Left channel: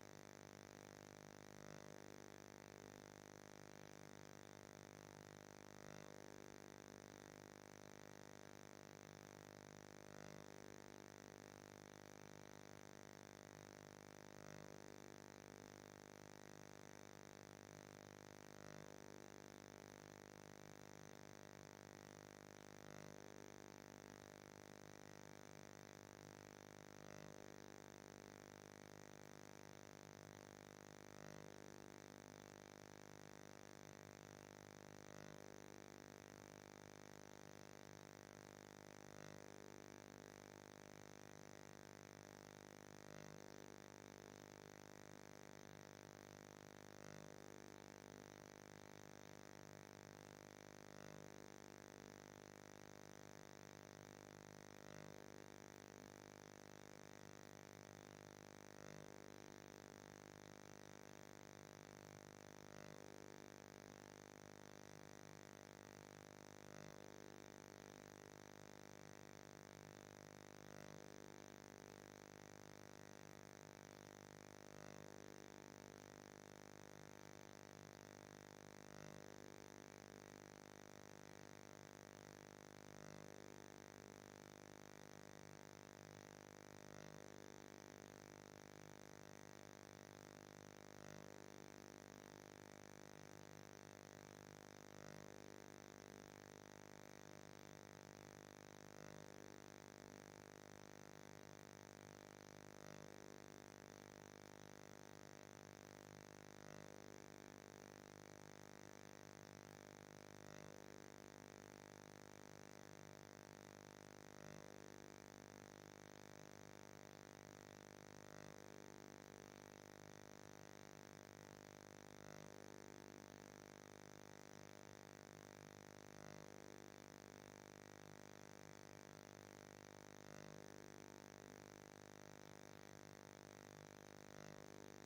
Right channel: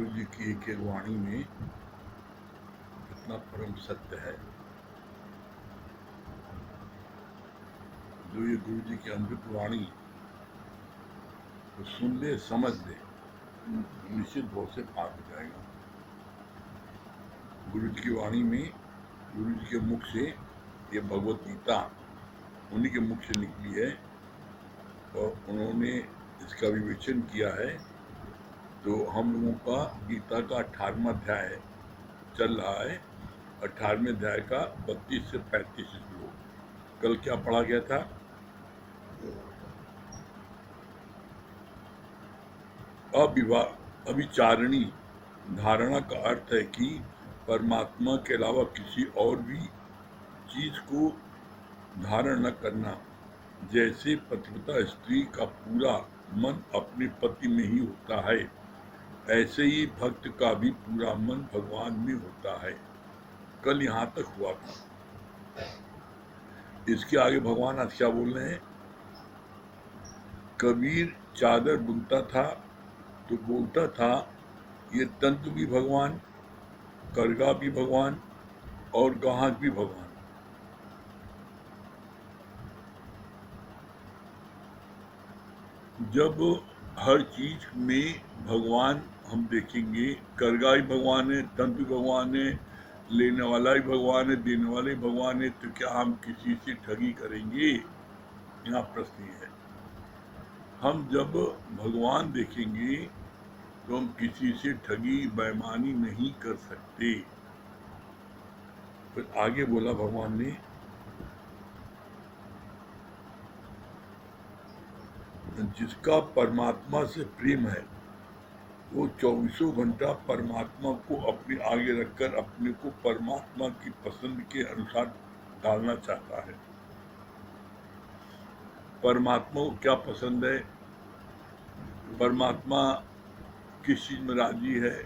गुरु जी की एक एक वाणी में इतना परम सत्य है। जो ये गुरु जी की अमृत वाणी तो सुन ले, समझ ले, निश्चित भाव से पार हो जाएगा। गुरु जी की वाणी में, गुरु जी के मुख से ये भगवत गीता उन्हीं के मुख से निकली है और उन्होंने इसका विवेचन किया है। तो हम लोगों का गीता का 18वां अध्याय चल रहा है। 18वें अध्याय का 32 से 35 श्लोक। कल क्या पढ़ा गया था? अविचारणी धारणा का अर्थ है कि परमात्मा के अलावा किसी और भी चीज को धारण न करना। जैसे पतिव्रता स्त्री का पूरा मन अपने पति में ही होता है, ऐसे ही भक्त का भी पूरा मन भगवान में होता है। कल यहाँ तक हुआ था। इसके आगे भगवान आज क्या बोल रहे हैं? कबीर चादर बुनता था तो बोलता था, ये तंतु भी भगवान, करगा भी भगवान और गाहक भी भगवान। जब हर चीज में भगवान हम देखेंगे, करगा ही भगवान है, तंतु भगवान है, लेने वाला ही भगवान है, देने वाला ही भगवान है, तो क्या हम किसी से ठगी करेंगे? यहाँ प्रश्न है। हम जब भगवान देखेंगे तो हम किसी से ठगी बेईमानी नहीं कर सकते। फिर आगे बोला भगवान ने, जिसका परमात्मा से प्रेम है वो 24 घंटा परमात्मा को अपने आगे रखकर अपने को परमात्मा की पसंद के अनुसार डालना चाहता है। परमात्मा को क्या पसंद है, परमात्मा किस चीज में राजी है,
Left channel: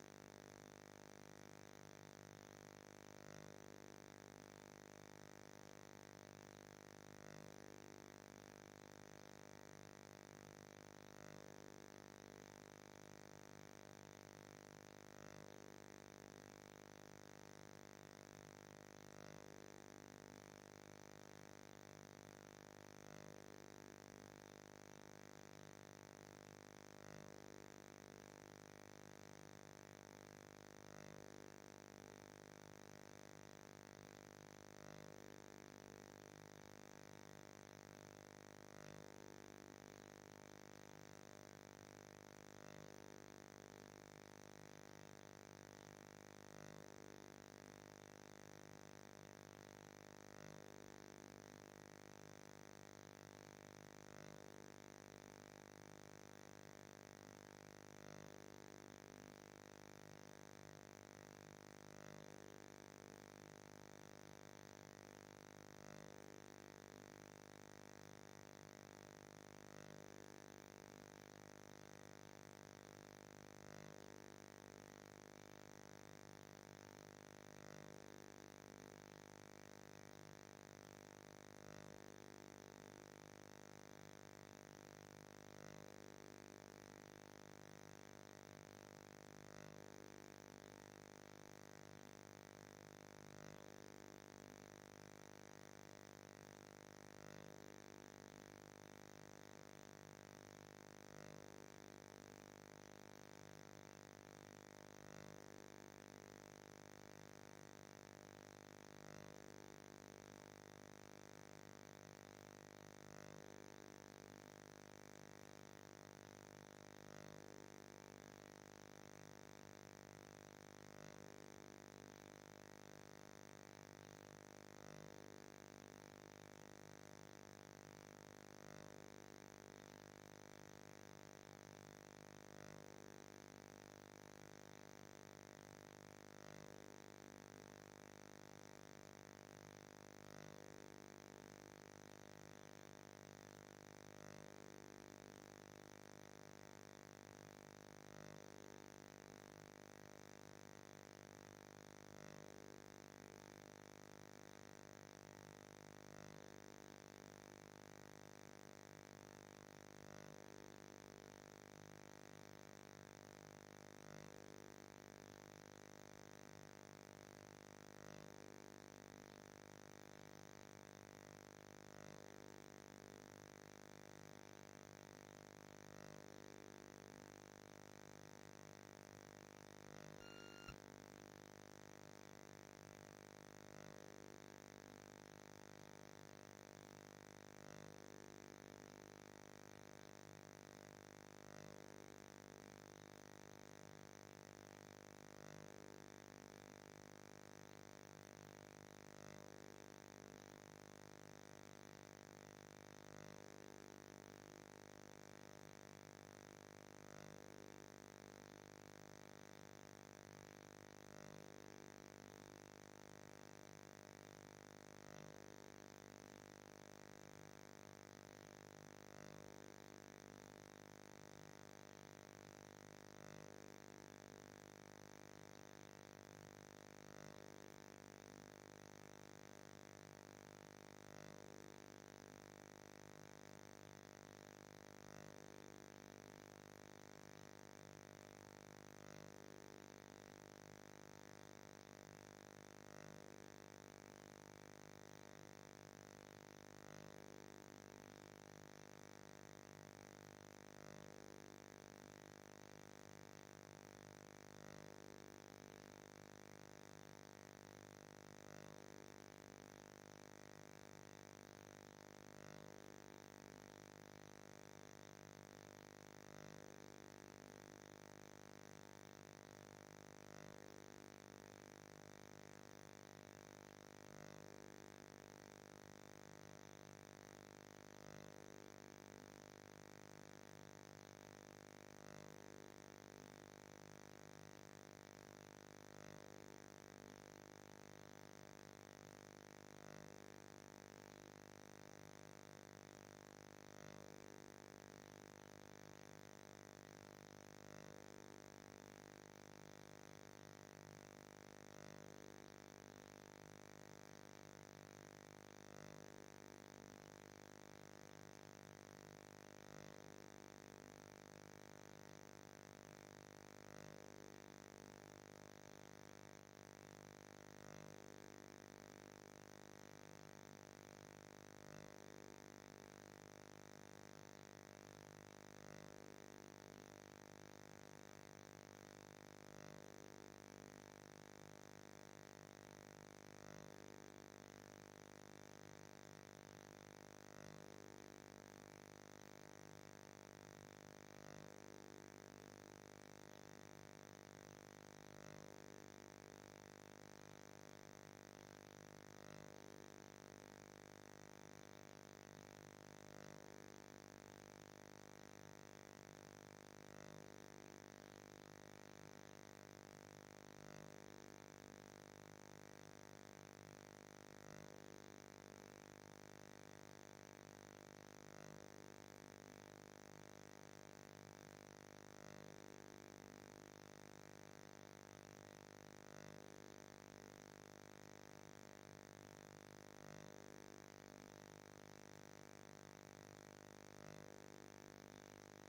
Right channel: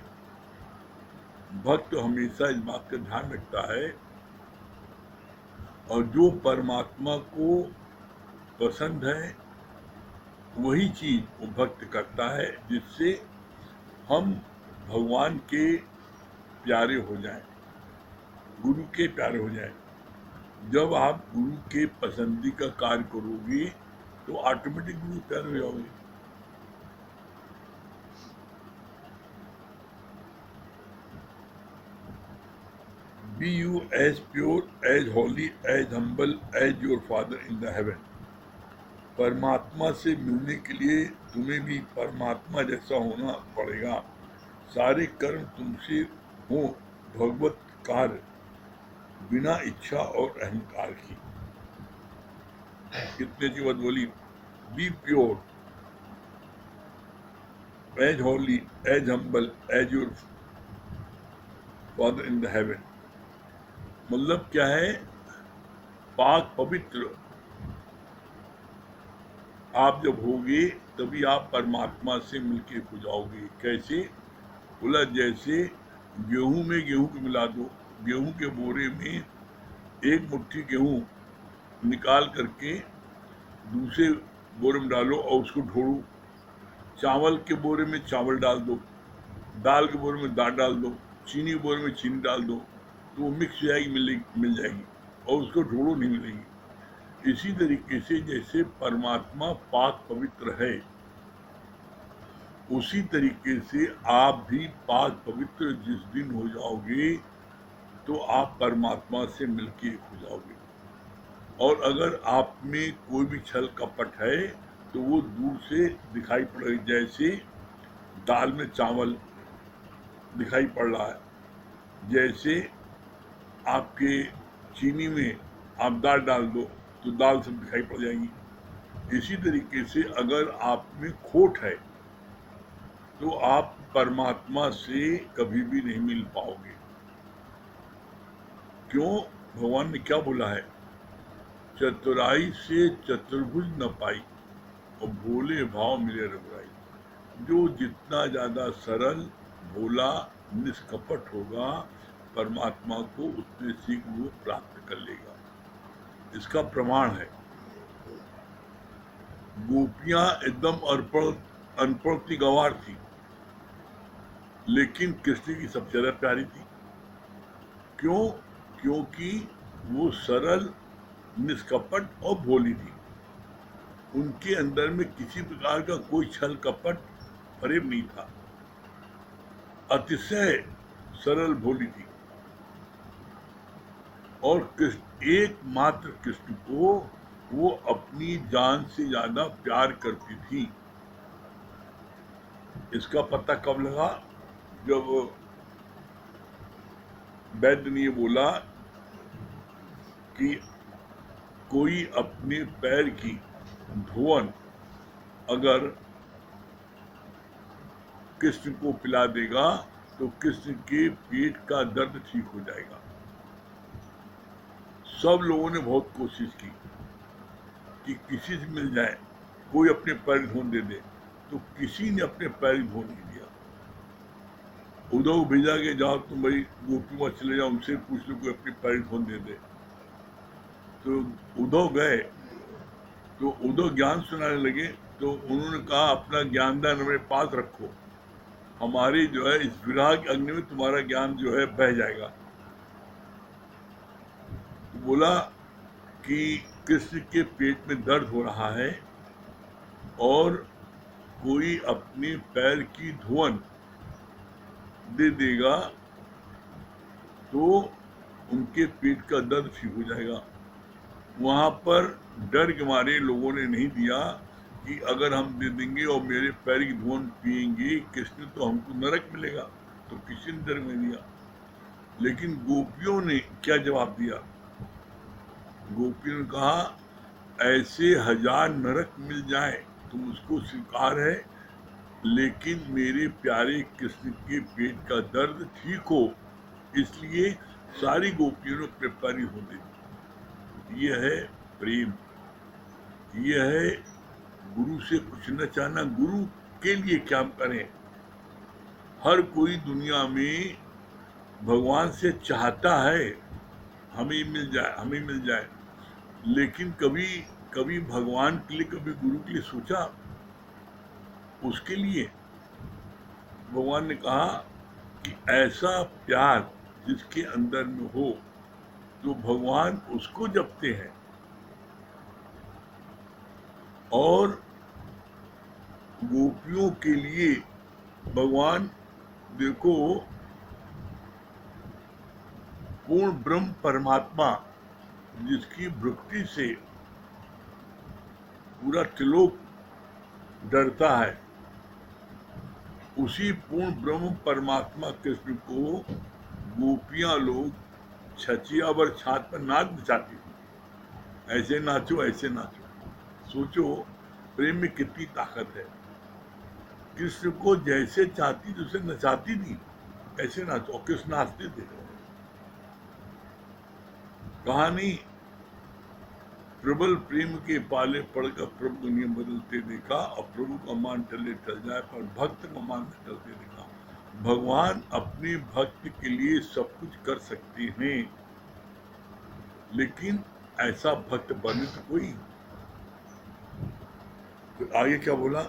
भक्त हमेशा इस बात का ध्यान रखता है। और जो परमात्मा को पसंद है वही चीज वो भक्त करता है, जिससे हम भगवान के प्यारे हो जाएं, गुरु के प्यारे हो जाएं। जब आप गुरु के पसंदी का कार्य करोगे तो ऑटोमेटिक गुरु प्यारे हो जाओगे। Be you as pure, as holy, as humble as your Father in the heaven. परमात्मा से मिलने के लिए तुम्हें भी परमात्मा जैसा होना पड़ेगा। सारे कर्म तुमसे हो भगवत कार्य, बिना इच्छा और अहंकार की। कितने की बात बोली? Be pure, as holy, as humble, as your father in the heaven. मतलब क्या है? पाक पवित्र आप जब होगे तभी आप परमात्मा से मिलके हो जाओगे। कैसे? बोला जैसे गेहूं में गेहूं को मिला दो, गेहूं के बोरे में एक मुट्ठी गेहूं निकाल करके दूसरे बोरे में डालो और उसको ढोड़ो। चावल के बोरे में चावल डाल दो, दाल के बोरे में दाल डाल दो, चीनी के बोरे में चीनी डाल दो, तो वो मिक्स हो जाएगी, मिल जाएगी और उसको ढोड़ो नहीं मिलेगी। इसी तरीके से जैसे परमात्मा पाक पवित्र है, उसी तरीके से आप भी पाक पवित्र जिस दिन हो जाओगे तो आप परमात्मा से मिलके हो जाओगे। और अगर आप में कोई भी छल कपट है तो वो दूर से दिखाई पड़ेगा। जैसे दाल में चावल दिखाई पड़ रहा है, जैसे आपके चीनी में आप दाल डाल दो तो दाल सब दिखाई पड़ जाएगी। इसी तरीके से अगर आप में खोट है तो आप परमात्मा से कभी भी नहीं मिल पाओगे। क्यों? भगवान ने क्या बोला है? चतुराई से चतुर्भुज न पाई और भोले भाव मिले रघुराई। जो जितना ज्यादा सरल, भोला, निष्कपट होगा परमात्मा को उतने शीघ्र वो प्राप्त कर लेगा। इसका प्रमाण है, गोपियां एकदम अनपढ़ थी, गंवार थी, लेकिन कृष्ण की सबसे ज्यादा प्यारी थी। क्यों? क्योंकि वो सरल, निष्कपट और भोली थी। उनके अंदर में किसी प्रकार का कोई छल कपट प्रेम नहीं था। अतिशय सरल भोली थी। और कृष्ण, एकमात्र कृष्ण को वो अपनी जान से ज्यादा प्यार करती थी। इसका पता कब लगा? जब वैद्य ने बोला कि कोई अपने पैर की धुवन अगर कृष्ण को पिला देगा तो कृष्ण के पेट का दर्द ठीक हो जाएगा। सब लोगों ने बहुत कोशिश की कि किसी से मिल जाए, कोई अपने पैर धोन दे दे, तो किसी ने अपने पैर धोन नहीं दिया। उद्धव को भेजा कि जाओ तुम भाई गोपी वहां चले जाओ, उनसे पूछ लो कोई अपने पैर धोन दे दे। तो उद्धव गए, तो उद्धव ज्ञान सुनाने लगे। तो उन्होंने कहा अपना ज्ञानदान मेरे पास रखो, हमारी जो है इस विराग के अग्नि में तुम्हारा ज्ञान जो है बह जाएगा। बोला कि कृष्ण के पेट में दर्द हो रहा है और कोई अपने पैर की धुवन दे देगा तो उनके पेट का दर्द ठीक हो जाएगा। वहां पर डर के मारे लोगों ने नहीं दिया कि अगर हम दे देंगे और मेरे पैर की धुवन पिएंगे कृष्ण तो हमको नरक मिलेगा, तो किसी ने डर में दिया। लेकिन गोपियों ने क्या जवाब दिया? गोपियों ने कहा ऐसे 1000 नरक मिल जाए तो मुझको स्वीकार है, लेकिन मेरे प्यारे कृष्ण के पेट का दर्द ठीक हो, इसलिए सारी गोपियों ने अपने पैर हो दी। यह है प्रेम, यह है गुरु से कुछ न चाहना। गुरु के लिए क्या करें? हर कोई दुनिया में भगवान से चाहता है हमें मिल जाए, हमें मिल जाए, लेकिन कभी कभी भगवान के लिए, कभी गुरु के लिए सोचा? उसके लिए भगवान ने कहा कि ऐसा प्यार जिसके अंदर में हो तो भगवान उसको जपते हैं। और गोपियों के लिए भगवान, देखो, पूर्ण ब्रह्म परमात्मा जिसकी भक्ति से पूरा त्रिलोक डरता है, उसी पूर्ण ब्रह्म परमात्मा कृष्ण को गोपियां लोग छचियावर छात पर नाच नचाती थी। ऐसे नाचो, ऐसे नाचो। सोचो प्रेम में कितनी ताकत है। कृष्ण को जैसे चाहती थी उसे नचाती थी, ऐसे नाचो। और कृष्ण नाचते थे। कहानी प्रबल प्रेम के पाले पड़कर प्रभु दुनिया बदलते देखा, और प्रभु का मान टले टल जाए पर भक्त का मान टलते देखा। भगवान अपने भक्त के लिए सब कुछ कर सकते हैं, लेकिन ऐसा भक्त बने तो कोई। तो आगे क्या बोला?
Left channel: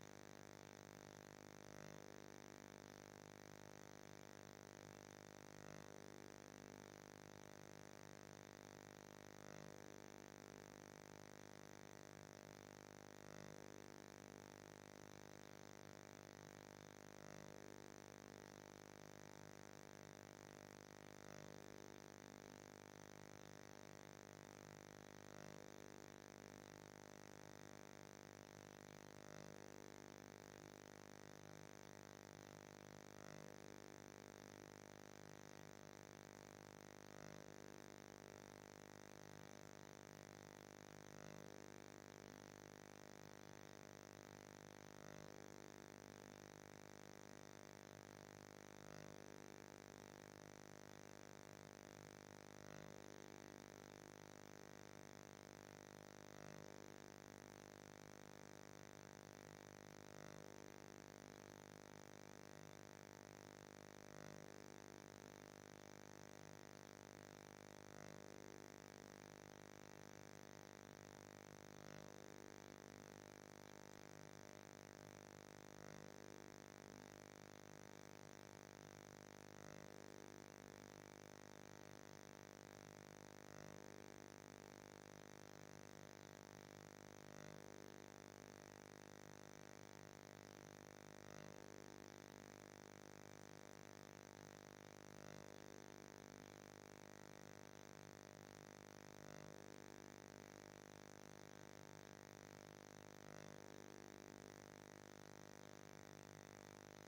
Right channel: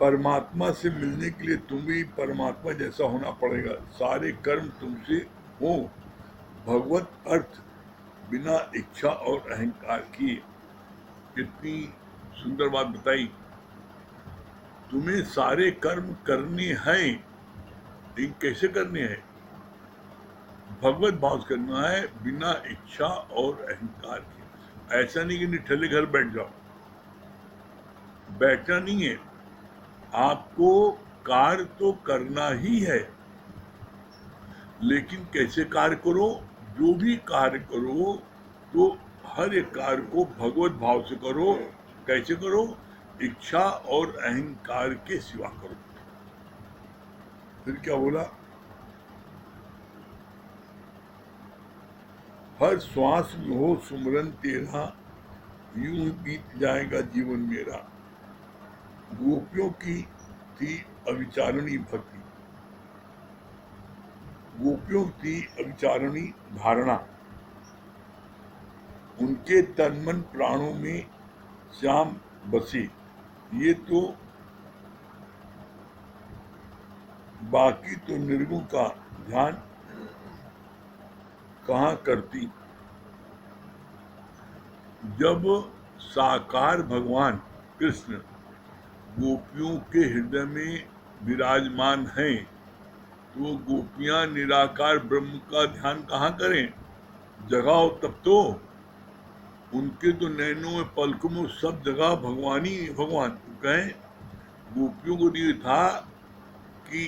परमात्मा से मिलने के लिए तुम भी परमात्मा जैसा होना पड़ेगा। सारे कर्म तुमसे हो। भगवत अर्थ बिना इच्छा और अहंकार किए। कितनी सुंदर बात बताई। तुम्हें सारे कर्म करने हैं, लेकिन कैसे करने हैं? भगवत भाव से करना है, बिना इच्छा और अहंकार के। ऐसा नहीं कि निठल्ले घर बैठ जाओ, बैठना नहीं है। आपको कार्य तो करना ही है, लेकिन कैसे कार्य करो? जो भी कार्य करो तो हर एक कार्य को भगवत भाव से करो। कैसे करो? इच्छा और अहंकार के सिवा करो। फिर क्या बोला? हर श्वास में हो सुमरन तेरा, यूं बीत जाएगा जीवन मेरा। गोपियों की थी अविचारणी भक्ति, गोपियों की अविचारणी धारणा। उनके तन मन प्राणों में श्याम बसे। ये तो बाकी तो निर्गुण का ध्यान कहाँ करती। जब साकार भगवान कृष्ण गोपियों के हृदय में विराजमान हैं, तो गोपियां निराकार ब्रह्म का ध्यान कहाँ करें? जगह हो तब तो। उनके तो नैनों में पलकों में सब जगह भगवान ही भगवान। कहें गोपियों को ये था कि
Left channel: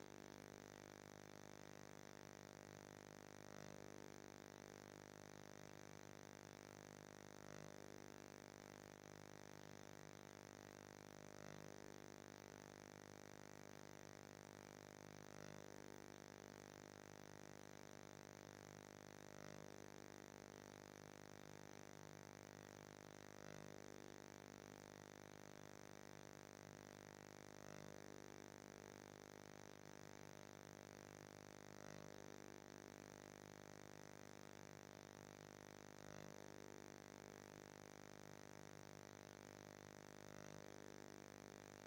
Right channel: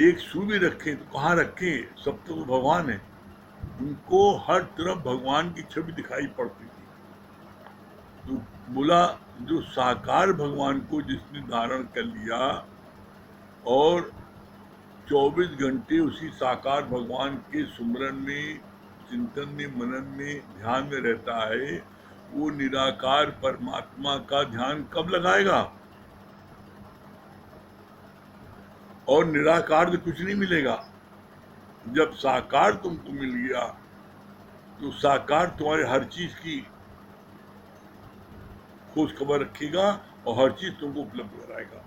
एक सूर्य भी रखें तो कहाँ रखें, सब तो भगवान है। उनको हर तरफ भगवान की छवि दिखाई पड़ती थी। तो बोला जो साकार भगवान को जिसने धारण कर लिया और 24 घंटे उसी साकार भगवान के सुमरन में, चिंतन में, मनन में, ध्यान में रहता है, वो निराकार परमात्मा का ध्यान कब लगाएगा? और निराकार से कुछ नहीं मिलेगा। जब साकार तुमको मिल गया तो साकार तुम्हारे हर चीज की खोज खबर रखेगा और हर चीज तुमको उपलब्ध कराएगा।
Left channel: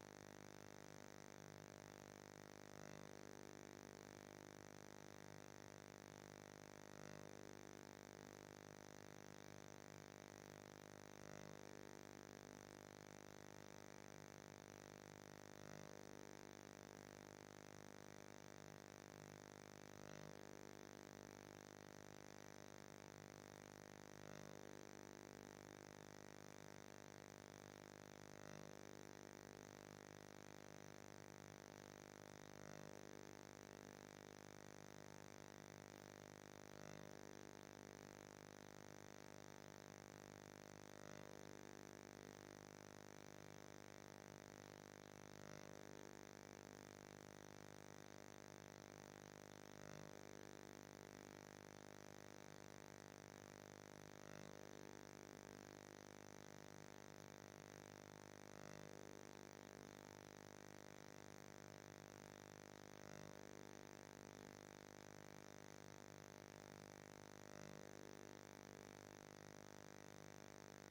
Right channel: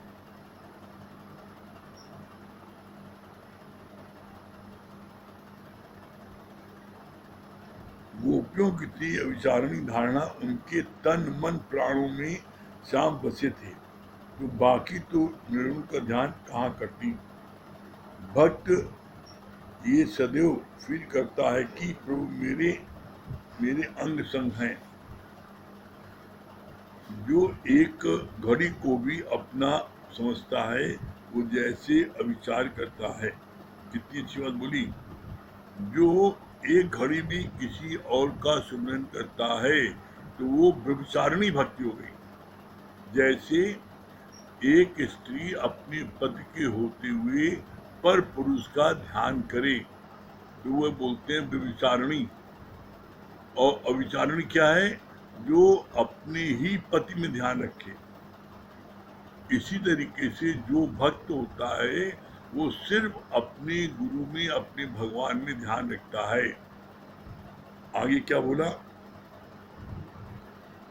गोपियों की थी अविचारणी धारणा, उनके तन मन प्राणों में श्याम बसे थे, तो बाकी तो निर्गुण का ध्यान कहाँ करती। भक्त ये सदैव फील करता है कि प्रभु मेरे मेरे अंग संग हैं। जो एक घड़ी को भी अपना समझता है, वो जैसे अविचार करता है। कितनी अच्छी बात बोली। जो एक घड़ी भी किसी और का सुमिरन करता है तो वो व्यभिचारिणी भक्ति हो गई। जैसे एक स्त्री अपने पति के होते हुए पर पुरुष का ध्यान करे तो वह बोलते हैं व्यभिचारिणी। और अविचारिणी क्या है? जो अपने ही पति में ध्यान रखे। इसी तरीके से जो भक्त होता है वो सिर्फ अपने गुरु में, अपने भगवान में ध्यान रखता है। आगे क्या बोला?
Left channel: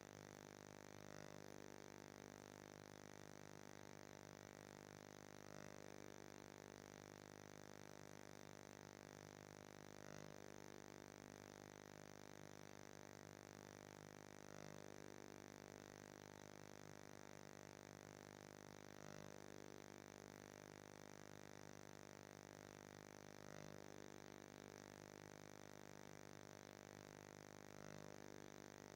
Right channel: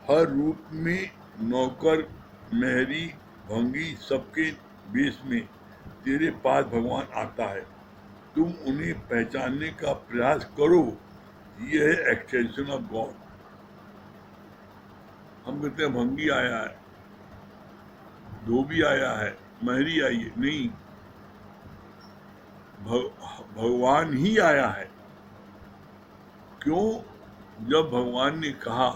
हर रूप में नौकर, मेहरी, भंगी सबके बेस में तेरे पास भगवान आता है। तुम उन्हें पहचानने का प्रयास करो। यह है एक्सटेंशन ऑफ गॉड। हम कहते हैं भंगी आया है, धोबी आया है, मेहरी आई है। नहीं, भगवान ही आया है। क्यों? जब भगवान ने कहा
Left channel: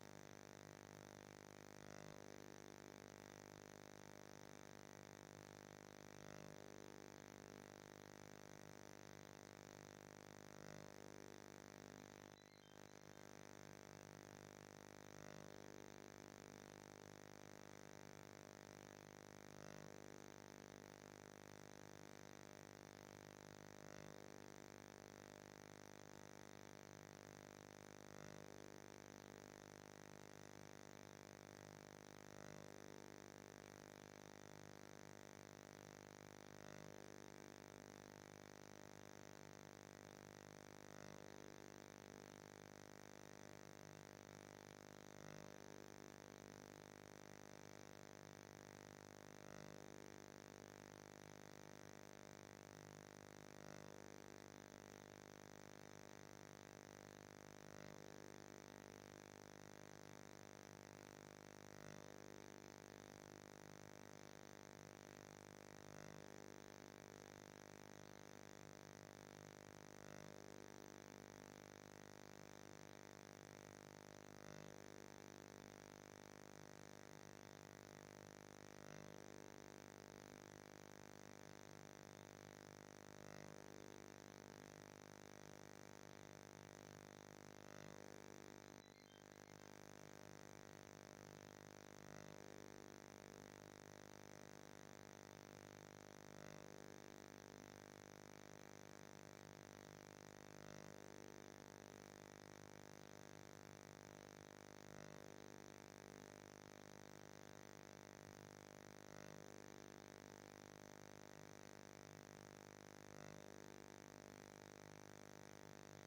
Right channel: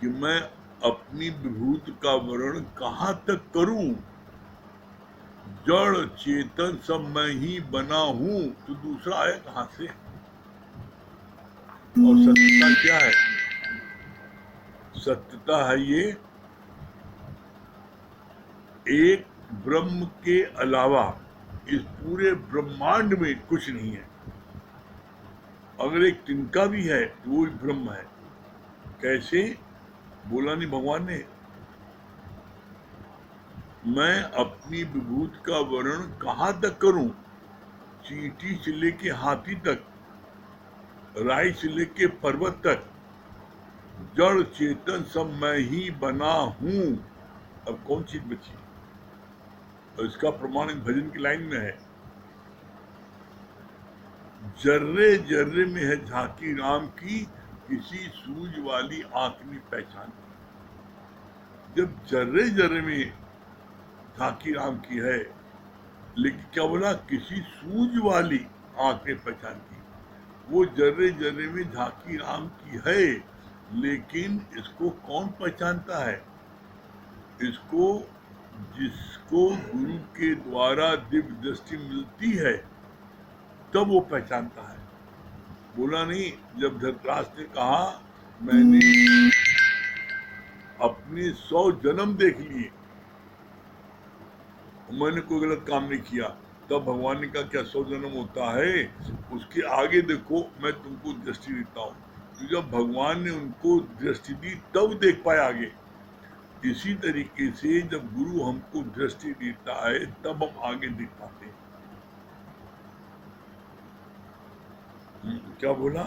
कि मैं अपनी विभूति का वर्णन कहाँ तक करूं, जड़ चेतन सब मैं ही बना हूं, तो दूसरा आया कहां से? और सत्यता क्या है? सत्यता है ये एक ब्रह्म के अलावा इस पूरे ब्रह्मांड में कुछ नहीं है। अगर एक तिनका भी है तो वो ब्रह्म है। कैसे? बोला नहीं भगवान ने, मैं अपनी विभूति का वर्णन कहाँ तक करूं? चींटी से लेके हाथी तक, राई से लेके पर्वत तक, जड़ चेतन सब मैं ही बना हूं। अब कौन चीज बची? और इसका प्रमाण इन भजन की लाइन में है, जर्रे जर्रे में है झांकी राम की, किसी सूझ वाली आंख में पहचान। जब जर्रे जर्रे में झांकी राम की है, लेकिन क्या बोला? किसी सूझ वाली आंख में पहचान की। वो जर्रे जर्रे में झांकी राम की है, लेकिन इसको कौन पहचानता है? इसको जिसको गुरु के द्वारा दिव्य दृष्टि मिलती है तब वो पहचानता है। बोला नहीं जब धृतराष्ट्र ने कहा मैंने अपने 100 जन्म देख लिए, मैंने कोई गलत काम नहीं किया, तब भगवान ने कहा क्या 100 जन्म होता है? उसके आगे देखो, मैं तुमको दृष्टि देता हूँ। तो जब भगवान ने उनको दृष्टि दी तब देख पाए आगे। इसी तरीके से जब गुरु हमको दृष्टि देता है तब हम आगे देख पाते हैं। क्या बोला?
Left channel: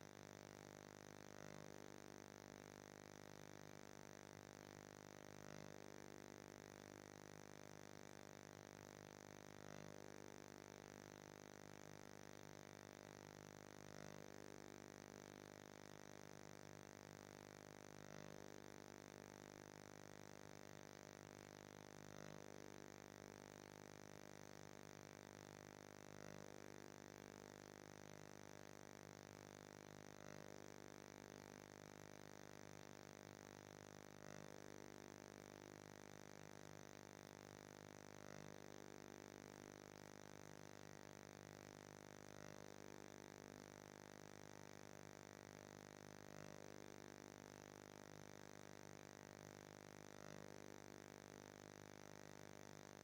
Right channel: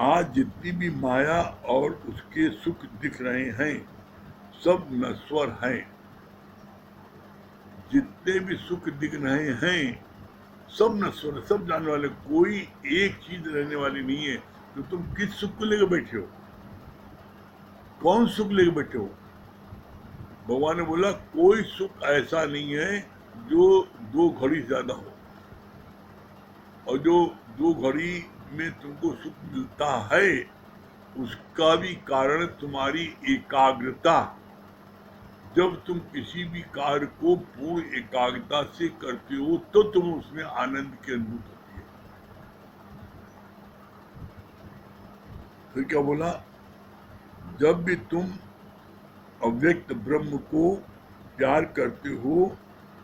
आज जितनी भी माया और उसके सुख दिख रहे हैं सब नश्वर हैं। जितने भी सुख दिख रहे हैं सब नश्वर है, सब जाने वाले, कोई एक चीज रहने वाली नहीं है। तो तुम किस सुख को लेकर बैठे हो? कौन सुख लेकर बैठे हो? भगवान ने बोला कोई सुख ऐसा नहीं है जो 2 घड़ी से ज्यादा हो, और जो 2 घड़ी में तुमको सुख मिलता है उसका भी कारण तुम्हारी एकाग्रता। जब तुम किसी भी कार्य को पूर्ण एकाग्रता से करते हो तो तुम उसमें आनंद की अनुभूति होती है। फिर क्या बोला? जब भी तुम अव्यक्त ब्रह्म को प्यार करते हो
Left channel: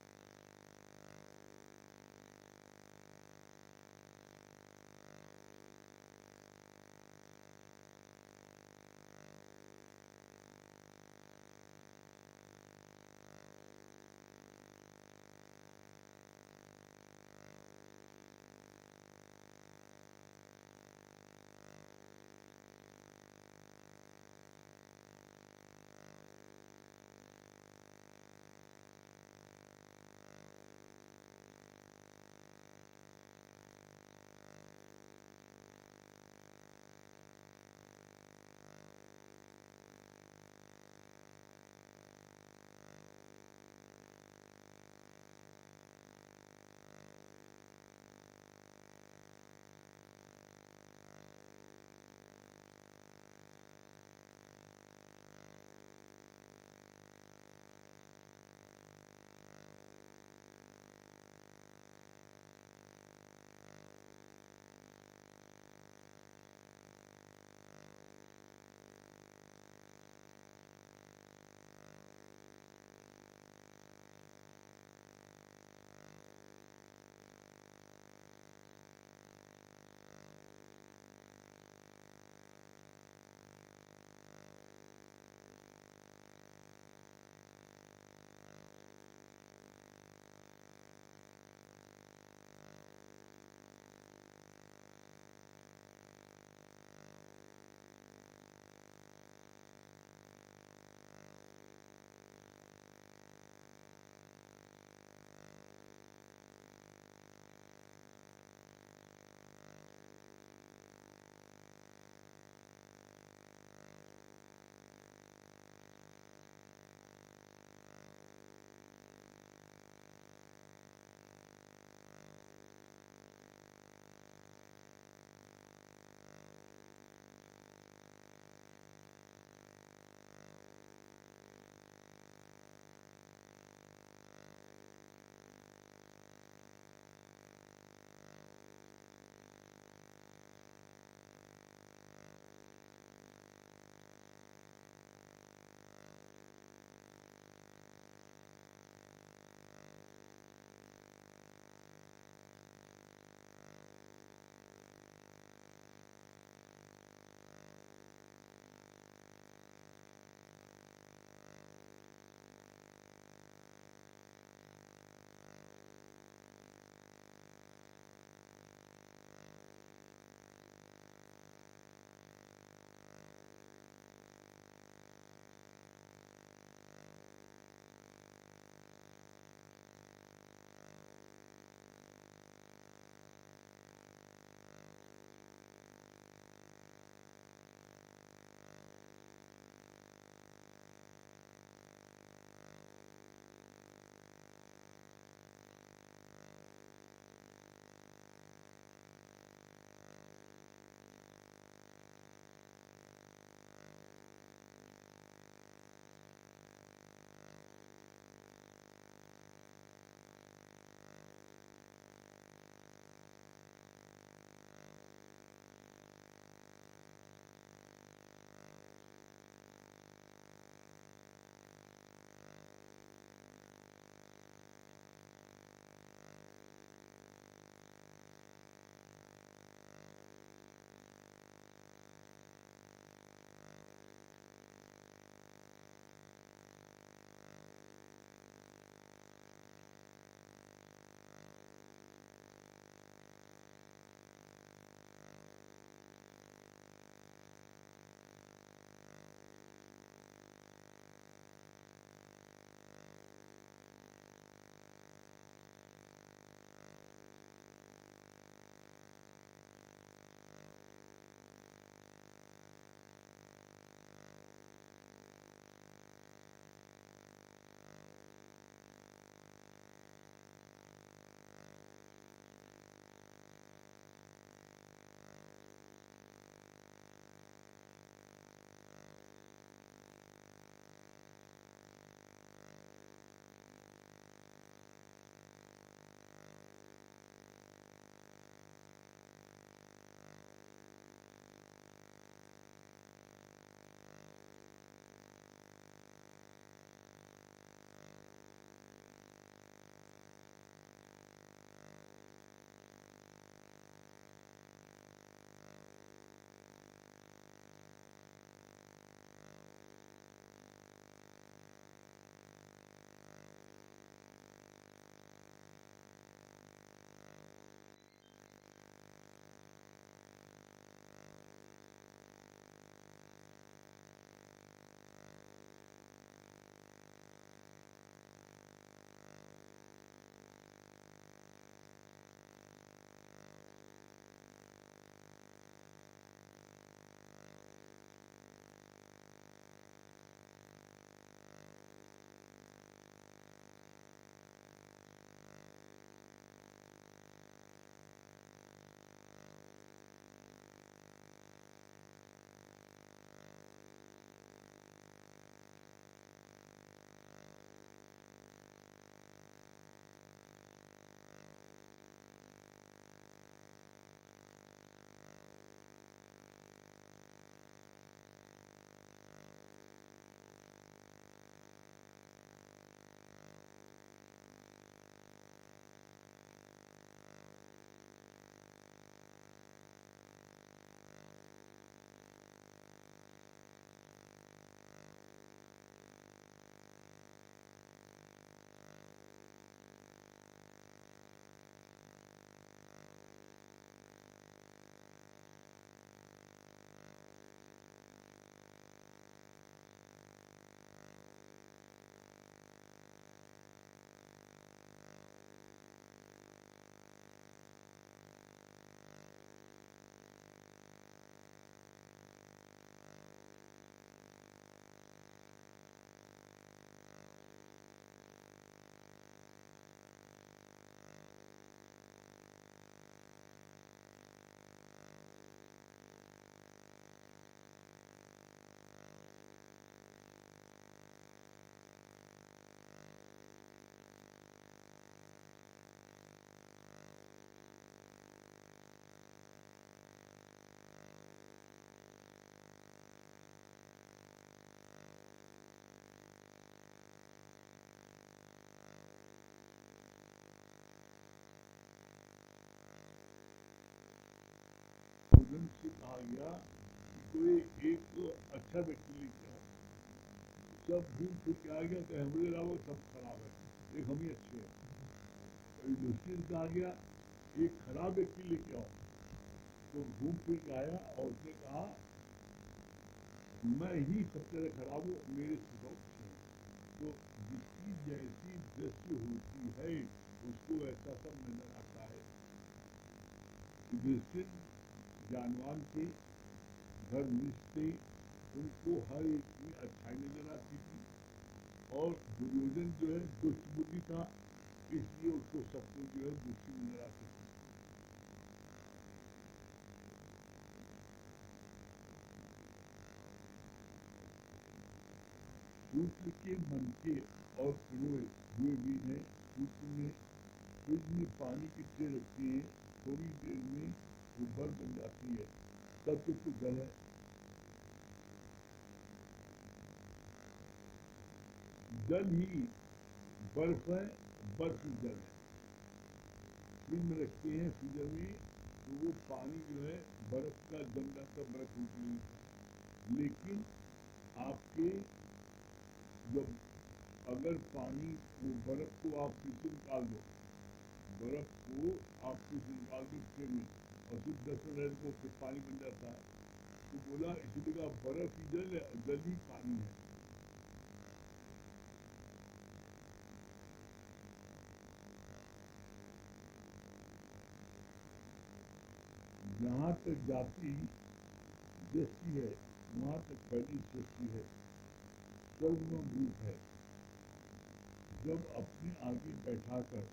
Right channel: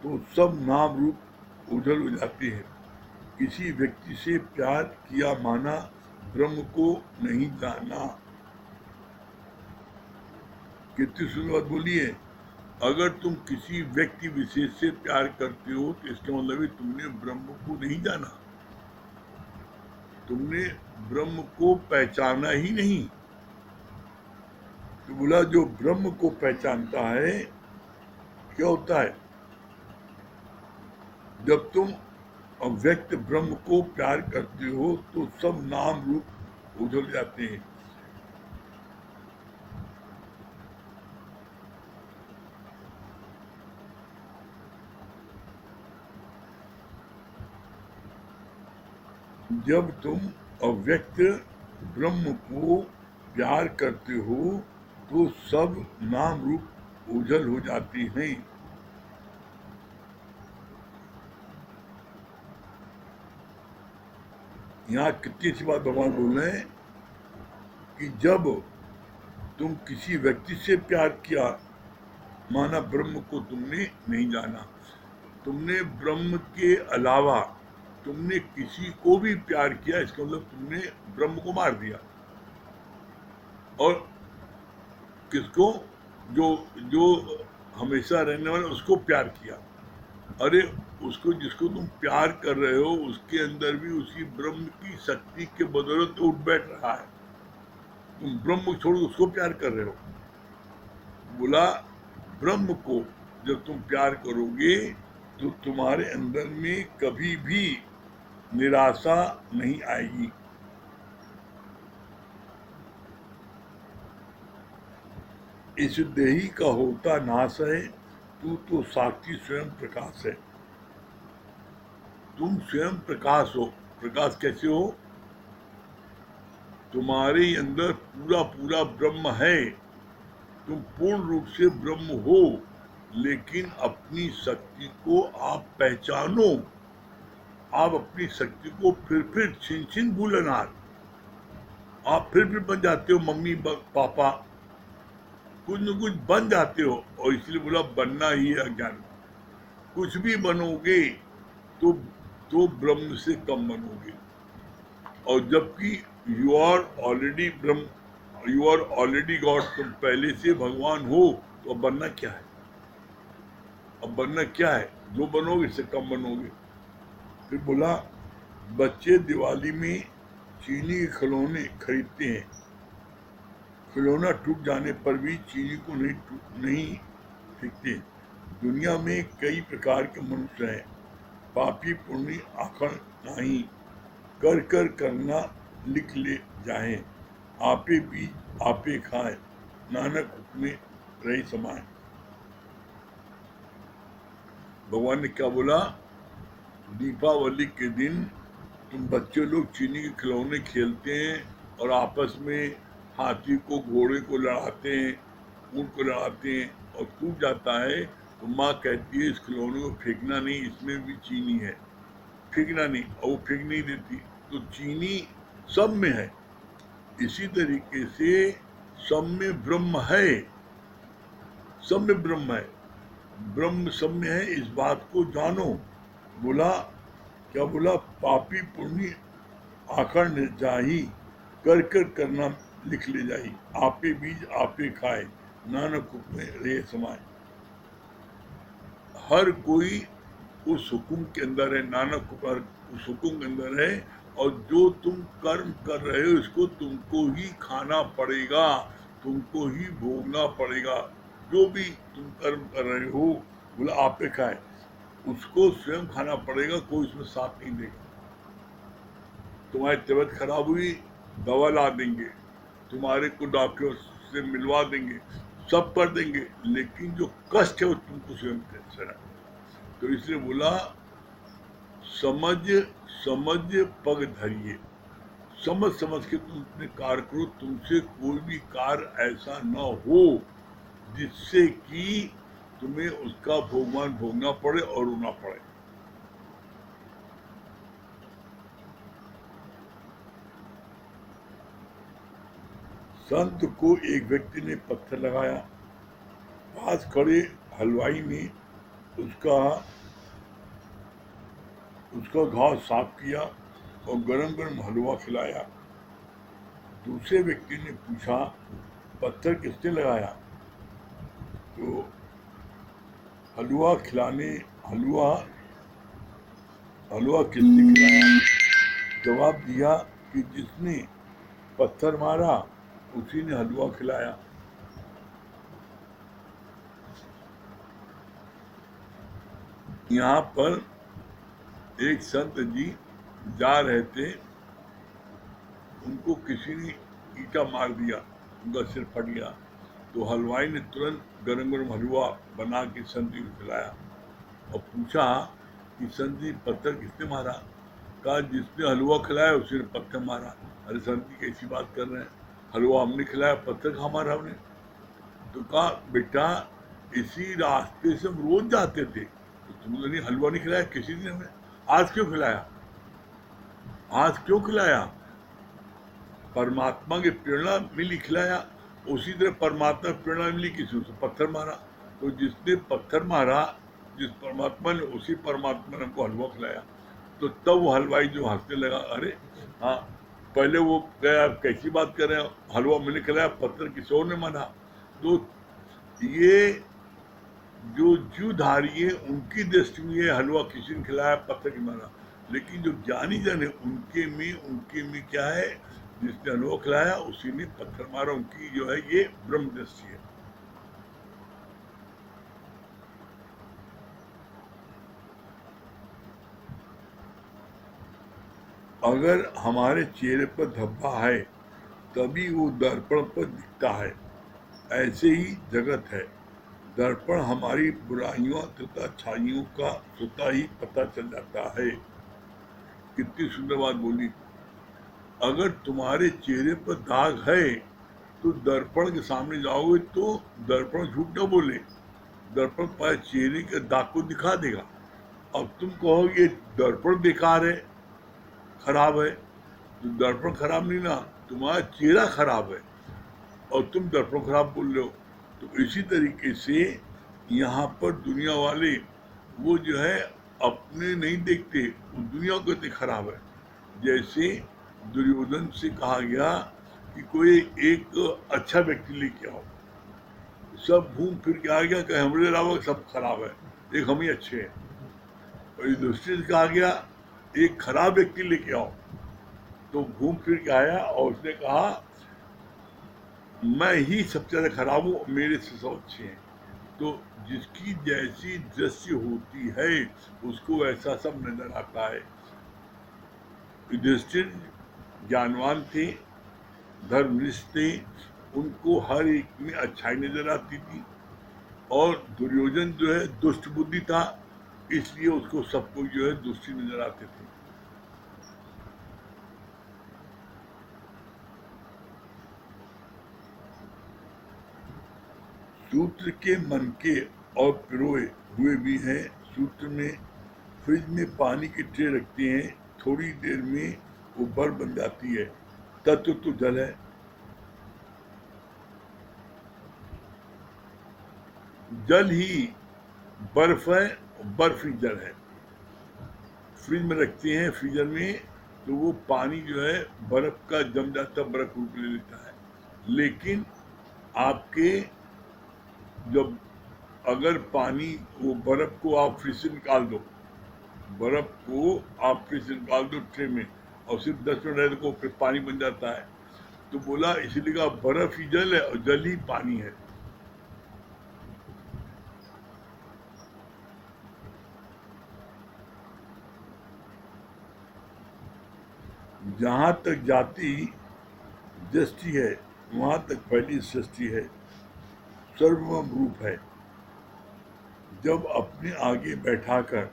तो सब नाम रूप उजल हो जाते हैं। किसी व्यक्ति से प्यार किया माना ब्रह्म को नहीं जाना। कितनी सुंदर बात बोली है। अगर तुम किसी व्यक्ति विशेष से प्यार करते हो तो इसका मतलब है तुमने ब्रह्म को नहीं जाना, तुमने ब्रह्म को पहचाना ही नहीं। तो बोला जो ब्रह्म को पहचानता है क्या होता है? जब तुम अव्यक्त ब्रह्म को प्यार करते हो तो सब नाम रूप उजल जाते हैं। जब तुम अव्यक्त ब्रह्म को प्यार करते हो तो सब नाम रूप ओझल हो जाते हैं। यहाँ कितनी सी बात भगवान बोल रहे हैं कि जब तुम किसी व्यक्ति से प्यार किया माना ब्रह्म को तुमने नहीं जाना। तुमने ब्रह्म के अलावा तुमने किसी को भी प्यार किया इसका मतलब तुमने ब्रह्म को मार दिया। और किसको? जो जो हमेशा रहने वाला उसको प्यार किया। अरे उसको, जिसको तुम प्यार कर रहे हो उसके अंदर भी उसी ब्रह्म की शक्ति के बदौलत तो उठ बैठ रहा है। तुम ब्रह्म को छोड़ उसको प्यार कर रहे हो। बोला ब्रह्म को जब तुम प्यार करोगे तो तुम्हारे अंदर में कभी भी निराशा नहीं आएगी। इस देही का होता नाश है, तू तो साक्षी स्वयं प्रकाश है। तुम स्वयं प्रकाश हो। प्रकाश कैसे हो? तुम्हारे अंदर पूरा पूरा ब्रह्म है, तुम पूर्ण रूप से ब्रह्म हो, लेकिन अपनी शक्ति को आप पहचानो। आप अपनी शक्ति को फिर छिन छिन भूलनार, आप फिर बन जाते हो मम्मी पापा, कुछ न कुछ बन जाते हो। और इसलिए बोला बनना ही है अज्ञान। कुछ भी बनोगे तो ब्रह्म से कम बनोगे। और जबकि you are already Brahma, you are already God, तुम पहले से भगवान हो, तो अब बनना क्या है? अब बनना क्या है? जो बनोगे इससे कम बनोगे। फिर बोला बच्चे दिवाली में चीनी के खिलौने खरीदते हैं, खिलौना टूट जाने पर भी चीनी को नहीं फेंकते। दुनिया में कई प्रकार के मनुष्य हैं, पापी पुण्य आखड़ नहीं, कर कर करना लिख ले जाए, आपे बीज आपे खाए, नानक हुक्मे रही समाए। भगवान ने क्या बोला? दीपावली के दिन तुम बच्चे लोग चीनी के खिलौने खेलते हैं और आपस में हाथी को घोड़े को लड़ाते हैं, ऊँट को लड़ाते हैं और टूट जाता है तो माँ कहती है इस खिलौने को फेंकना नहीं, इसमें भी चीनी है, फेंकना नहीं। और वो फेंक नहीं देती। तो चीनी सब में है। इसी तरीके से सब में ब्रह्म है, सब में ब्रह्म है, ब्रह्म सब में है, इस बात को जानो। बोला क्या बोला? पापी पुण्य आखड़ न जाही, कर कर करना लिख ले जाही, आपे बीज आपे खाए, नानक हुक्म रे समाए। हर कोई उस हुक्म के अंदर है, नानक उस हुक्म के अंदर है। और जो तुम कर्म कर रहे हो इसको तुमको ही खाना पड़ेगा, तुमको ही भोगना पड़ेगा। जो भी तुम कर्म कर रहे हो बोला आपे खाए। उसको स्वयं खाना पड़ेगा, कोई उसमें साथ नहीं देगा। तुम्हारी तबीयत खराब हुई, दवा ला देंगे, तुम्हारे को डॉक्टर से मिलवा देंगे, सब कर देंगे, लेकिन जो कष्ट है वो तुमको स्वयं सहना। तो इसलिए बोला समझ समझ पग धरिए, समझ समझ के तुम अपने कार्य करो, तुमसे कोई भी कार्य ऐसा न हो जिससे कि तुम्हें उसका भोगमान भोगना पड़े और रोना पड़े। संत को एक व्यक्ति ने पत्थर लगाया, पास खड़े हलवाई ने उसका उसका घाव साफ किया और गरम गरम हलवा खिलाया। दूसरे व्यक्ति ने पूछा पत्थर किसने लगाया? तो हलवा खिलाने हलवा हलवा किसने खिलाया? जवाब दिया कि जिसने पत्थर मारा उसी ने हलवा खिलाया। यहाँ पर एक संत जी जा रहे थे, उनको किसी ने ईंटा मार दिया, उनका सिर फट गया। तो हलवाई ने तुरंत गरम गरम हलवा बना के संत जी को खिलाया और पूछा कि संत जी पत्थर किसने मारा? कहा जिसने हलवा खिलाया उसी ने पत्थर मारा। अरे संत जी कैसी बात कर रहे हैं, हलवा हमने खिलाया, पत्थर कहाँ मारा हमने? तो कहा बेटा इसी रास्ते से हम रोज जाते थे, तो तुमने हलवा नहीं खिलाया किसी ने हमें, आज क्यों खिलाया? आज क्यों खिलाया? परमात्मा की प्रेरणा मिली खिलाया। उसी तरह परमात्मा की प्रेरणा मिली, किसी ने पत्थर मारा, तो जिसने पत्थर मारा जिस परमात्मा ने, उसी परमात्मा ने हमको हलवा खिलाया। तो तब वो हलवाई जो हंसने लगा, अरे हाँ, पहले वो कहे आप कैसी बात कर रहे हैं, हलवा मैंने खिलाया, पत्थर किसी और ने मारा। तो ये जो जीवधारी है उनकी दृष्टि में ये हलवा किसी ने खिलाया, पत्थर की मारा, लेकिन जो ज्ञानी जन है उनके में क्या है, जिसने हलवा खिलाया उसी ने पत्थर मारा, उनकी जो है ये ब्रह्म दृष्टि है। अगर हमारे चेहरे पर धब्बा है तभी वो दर्पण पर दिखता है, ऐसे ही जगत है। दर्पण हमारी बुराइयों तथा अच्छाइयों का स्वतः ही पता चल जाता है। कितनी सुंदर बात बोली। अगर तुम्हारे चेहरे पर दाग है तो दर्पण के सामने जाओगे तो दर्पण झूठ न बोले, दर्पण तुम्हारे चेहरे के दाग को दिखा देगा। अब तुम कहोगे दर्पण बेकार है, खराब है, तो दर्पण खराब नहीं ना, तुम्हारा चेहरा खराब है और तुम दर्पण खराब बोल रहे हो। तो इसी तरीके से यहाँ पर दुनिया वाले वो जो है अपने नहीं देखते, वो दुनिया को कहते खराब है। जैसे दुर्योधन से कहा गया कि कोई एक अच्छा व्यक्ति लेके आओ, सब घूम फिर के आ गया कि हमारे अलावा सब खराब है, एक हम ही अच्छे हैं। और युधिष्ठिर से कहा गया एक खराब व्यक्ति लेके आओ, तो घूम फिर के आया और उसने कहा मैं ही सबसे ज्यादा खराब हूँ, मेरे से सब अच्छे हैं। तो जिसकी जैसी दृष्टि होती है उसको ऐसा सब नजर आता है। युधिष्ठिर ज्ञानवान थे, धर्मनिष्ठ थे, उनको हर एक में अच्छाई नजर आती थी। और दुर्योधन जो है दुष्ट बुद्धि था, इसलिए उसको सबको जो है दुष्टी नजर आते थे। सूत्र के मन के और पिरोए हुए भी हैं। सूत्र में फ्रिज में पानी की ट्रे रखते हैं, थोड़ी देर में वो बर्फ बन जाती है, तत्व तो जल है। जल ही बर्फ है, बर्फ ही जल है। फ्रिज में रखते हैं, फ्रीजर में, तो वो पानी जो है बर्फ का जम जाता, बर्फ रूप ले लेता है। लेकिन आपके जब अगर पानी, वो बर्फ को आप फ्रिज से निकाल दो, बर्फ को आप फ्रिज से निकाल दो ट्रे में और सिर्फ 10 मिनट रहे तो फिर पानी बन जाता है। तो बोला इसीलिए कहा बर्फ ही जल है और जल ही पानी है। जहाँ तक जाति दृष्टि है वहाँ तक पहली सृष्टि है, सर्वम रूप है। जब अपने आगे बैठाकर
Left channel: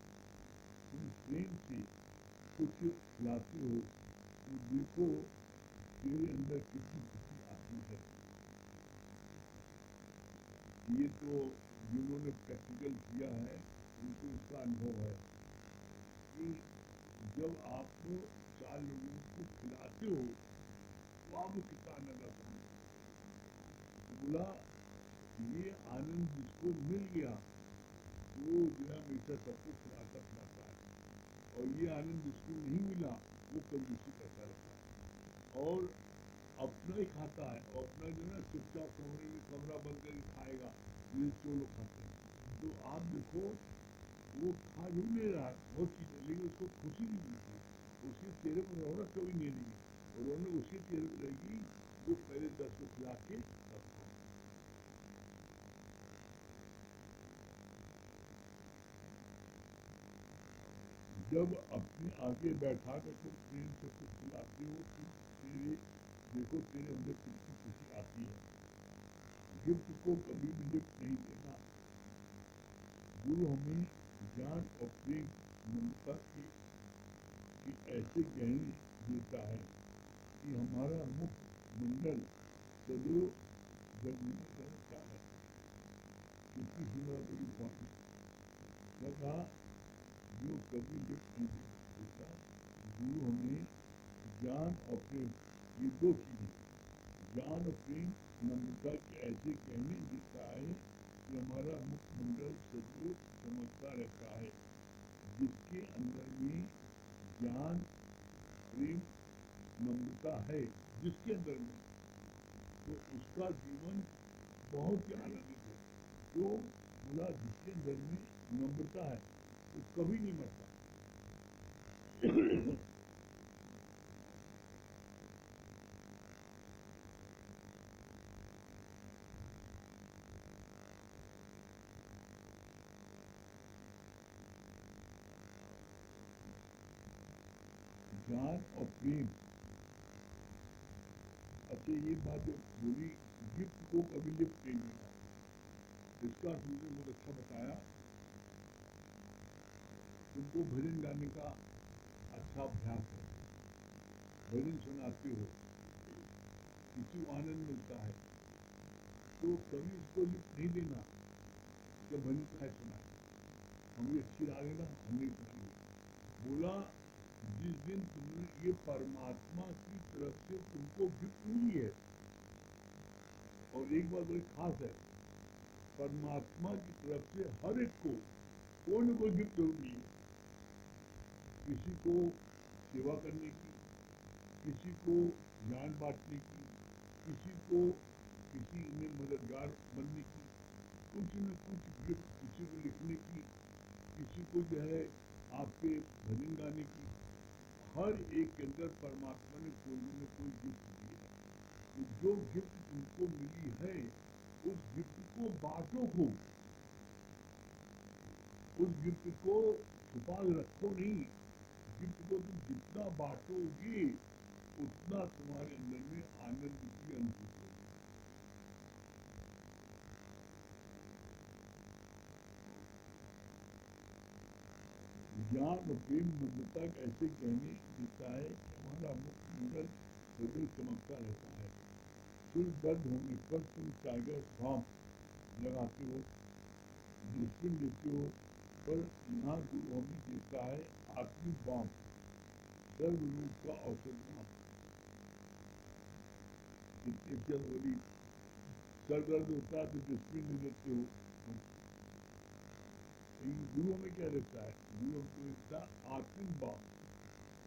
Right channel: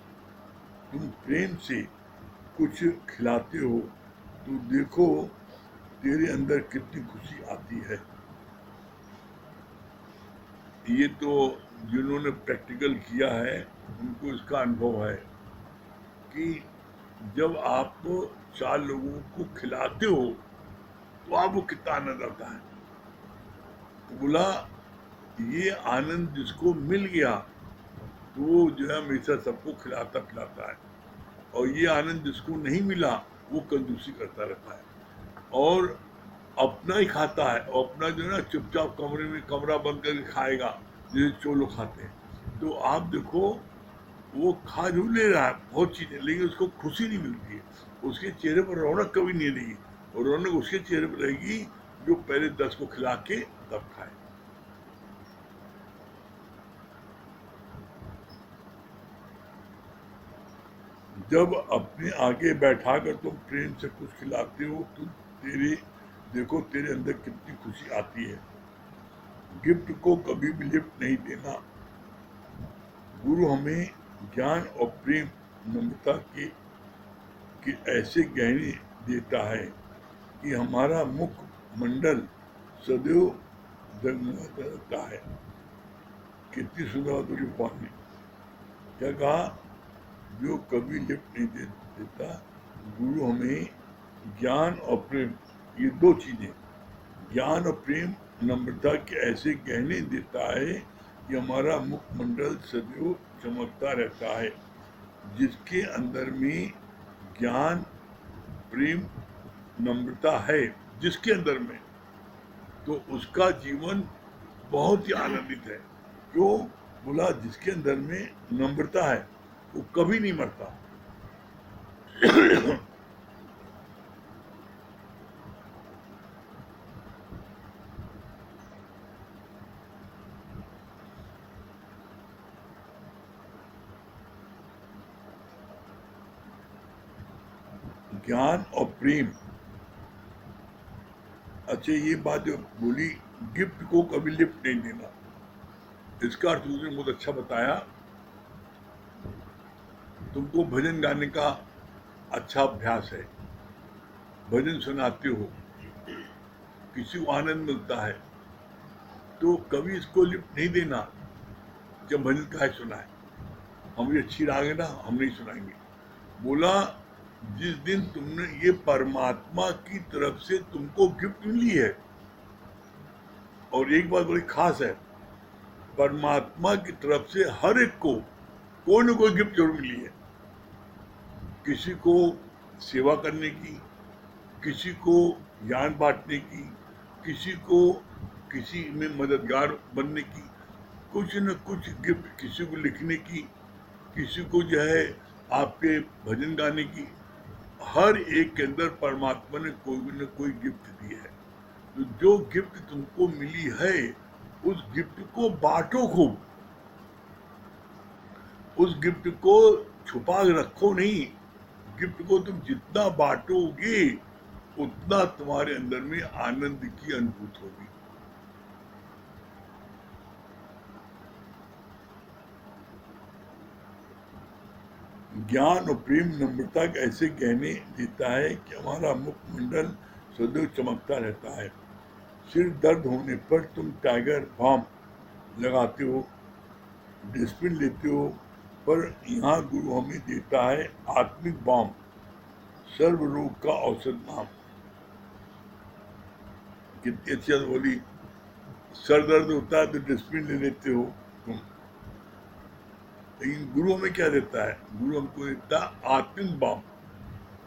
तुम प्रेम से कुछ खिलाते हो तो देखो तेरे अंदर कितनी खुशी आती है। ये तो जिन्होंने प्रैक्टिकल किया है उनको इसका अनुभव है कि जब आप 4 लोगों को खिलाते हो तो आपको कितना आनंद आता है। तो बोला ये आनंद जिसको मिल गया तो वो जो है हमेशा सबको खिलाता पिलाता है, और ये आनंद जिसको नहीं मिला वो कंजूसी करता रहता है और अपना ही खाता है, और अपना जो है ना चुपचाप कमरे में कमरा बंद करके खाएगा जैसे चोलो खाते हैं। तो आप देखो वो खा जरूर ले रहा है बहुत चीज़ें, लेकिन उसको खुशी नहीं मिलती है, उसके चेहरे पर रौनक कभी नहीं रहेगी, और रौनक उसके चेहरे पर रहेगी जो पहले 10 को खिला के तब खाए। जब अपने आगे बैठाकर तुम प्रेम से कुछ खिलाते हो तो तेरे देखो तेरे अंदर कितनी खुशी आती है। गिफ्ट को कभी भी लिफ्ट नहीं देना। गुरु हमें ज्ञान और प्रेम नम्रता के ऐसे गहने देता है कि हमारा मुख मंडल सदैव जगमगाता रहता है। कितनी सुंदर बात बोली भगवान ने। क्या कहा? जो कभी लिफ्ट नहीं देता। गुरु हमें ज्ञान और प्रेम, ये 2 चीजें, ज्ञान और प्रेम नम्रता के ऐसे गहने देता है कि हमारा मुखमंडल सदैव चमकता रहता है। जिसके अंदर में ज्ञान प्रेम नम्रता है, जिसके अंदर में, तो उसका जीवन बहुत ही आनंदित है। क्यों? बोला जिसके अंदर में नम्रता है वो कभी नहीं मरता। ज्ञान और प्रेम। अच्छा ये बात जो बोली गिफ्ट को कभी लिफ्ट नहीं देना, इसका अर्थ उसने बहुत अच्छा बताया। तुमको भजन गाने का अच्छा अभ्यास है, भजन सुनाते हो, किसी को आनंद मिलता है, तो कभी इसको लिफ्ट नहीं देना जब भजन का सुना है, हमें अच्छी राग है ना हम नहीं सुनाएंगे। बोला जिस दिन तुमने ये परमात्मा की तरफ से तुमको गिफ्ट मिली है, और एक बात बड़ी खास है, परमात्मा की तरफ से हर एक को कोई ना कोई गिफ्ट जरूर मिली है। किसी को सेवा करने की, किसी को ज्ञान बांटने की, किसी को किसी में मददगार बनने की, कुछ न कुछ गिफ्ट, किसी को लिखने की, किसी को जो है आपके भजन गाने की। हर एक के अंदर परमात्मा ने कोई न कोई गिफ्ट दी है। तो जो गिफ्ट तुमको मिली है उस गिफ्ट को बांटो खूब, उस गिफ्ट को छुपा रखो नहीं। गिफ्ट को तुम जितना बांटोगे उतना तुम्हारे अंदर में आनंद की अनुभूति होगी। ज्ञान और प्रेम नम्रता के ऐसे गहने देता है कि हमारा मुखमंडल सदैव चमकता रहता है। सिर दर्द होने पर तुम टाइगर बाम लगाते हो, डिस्प्रिन लेते हो, पर यहाँ गुरु हमें देता है आत्मिक बाम, सर्व रोग का औषध नाम। कितनी अच्छी बात बोली। सर दर्द होता है तो डिस्प्रिन ले लेते हो तुम, लेकिन गुरु हमें क्या देता है? गुरु हमको देता है आत्मिक बाम।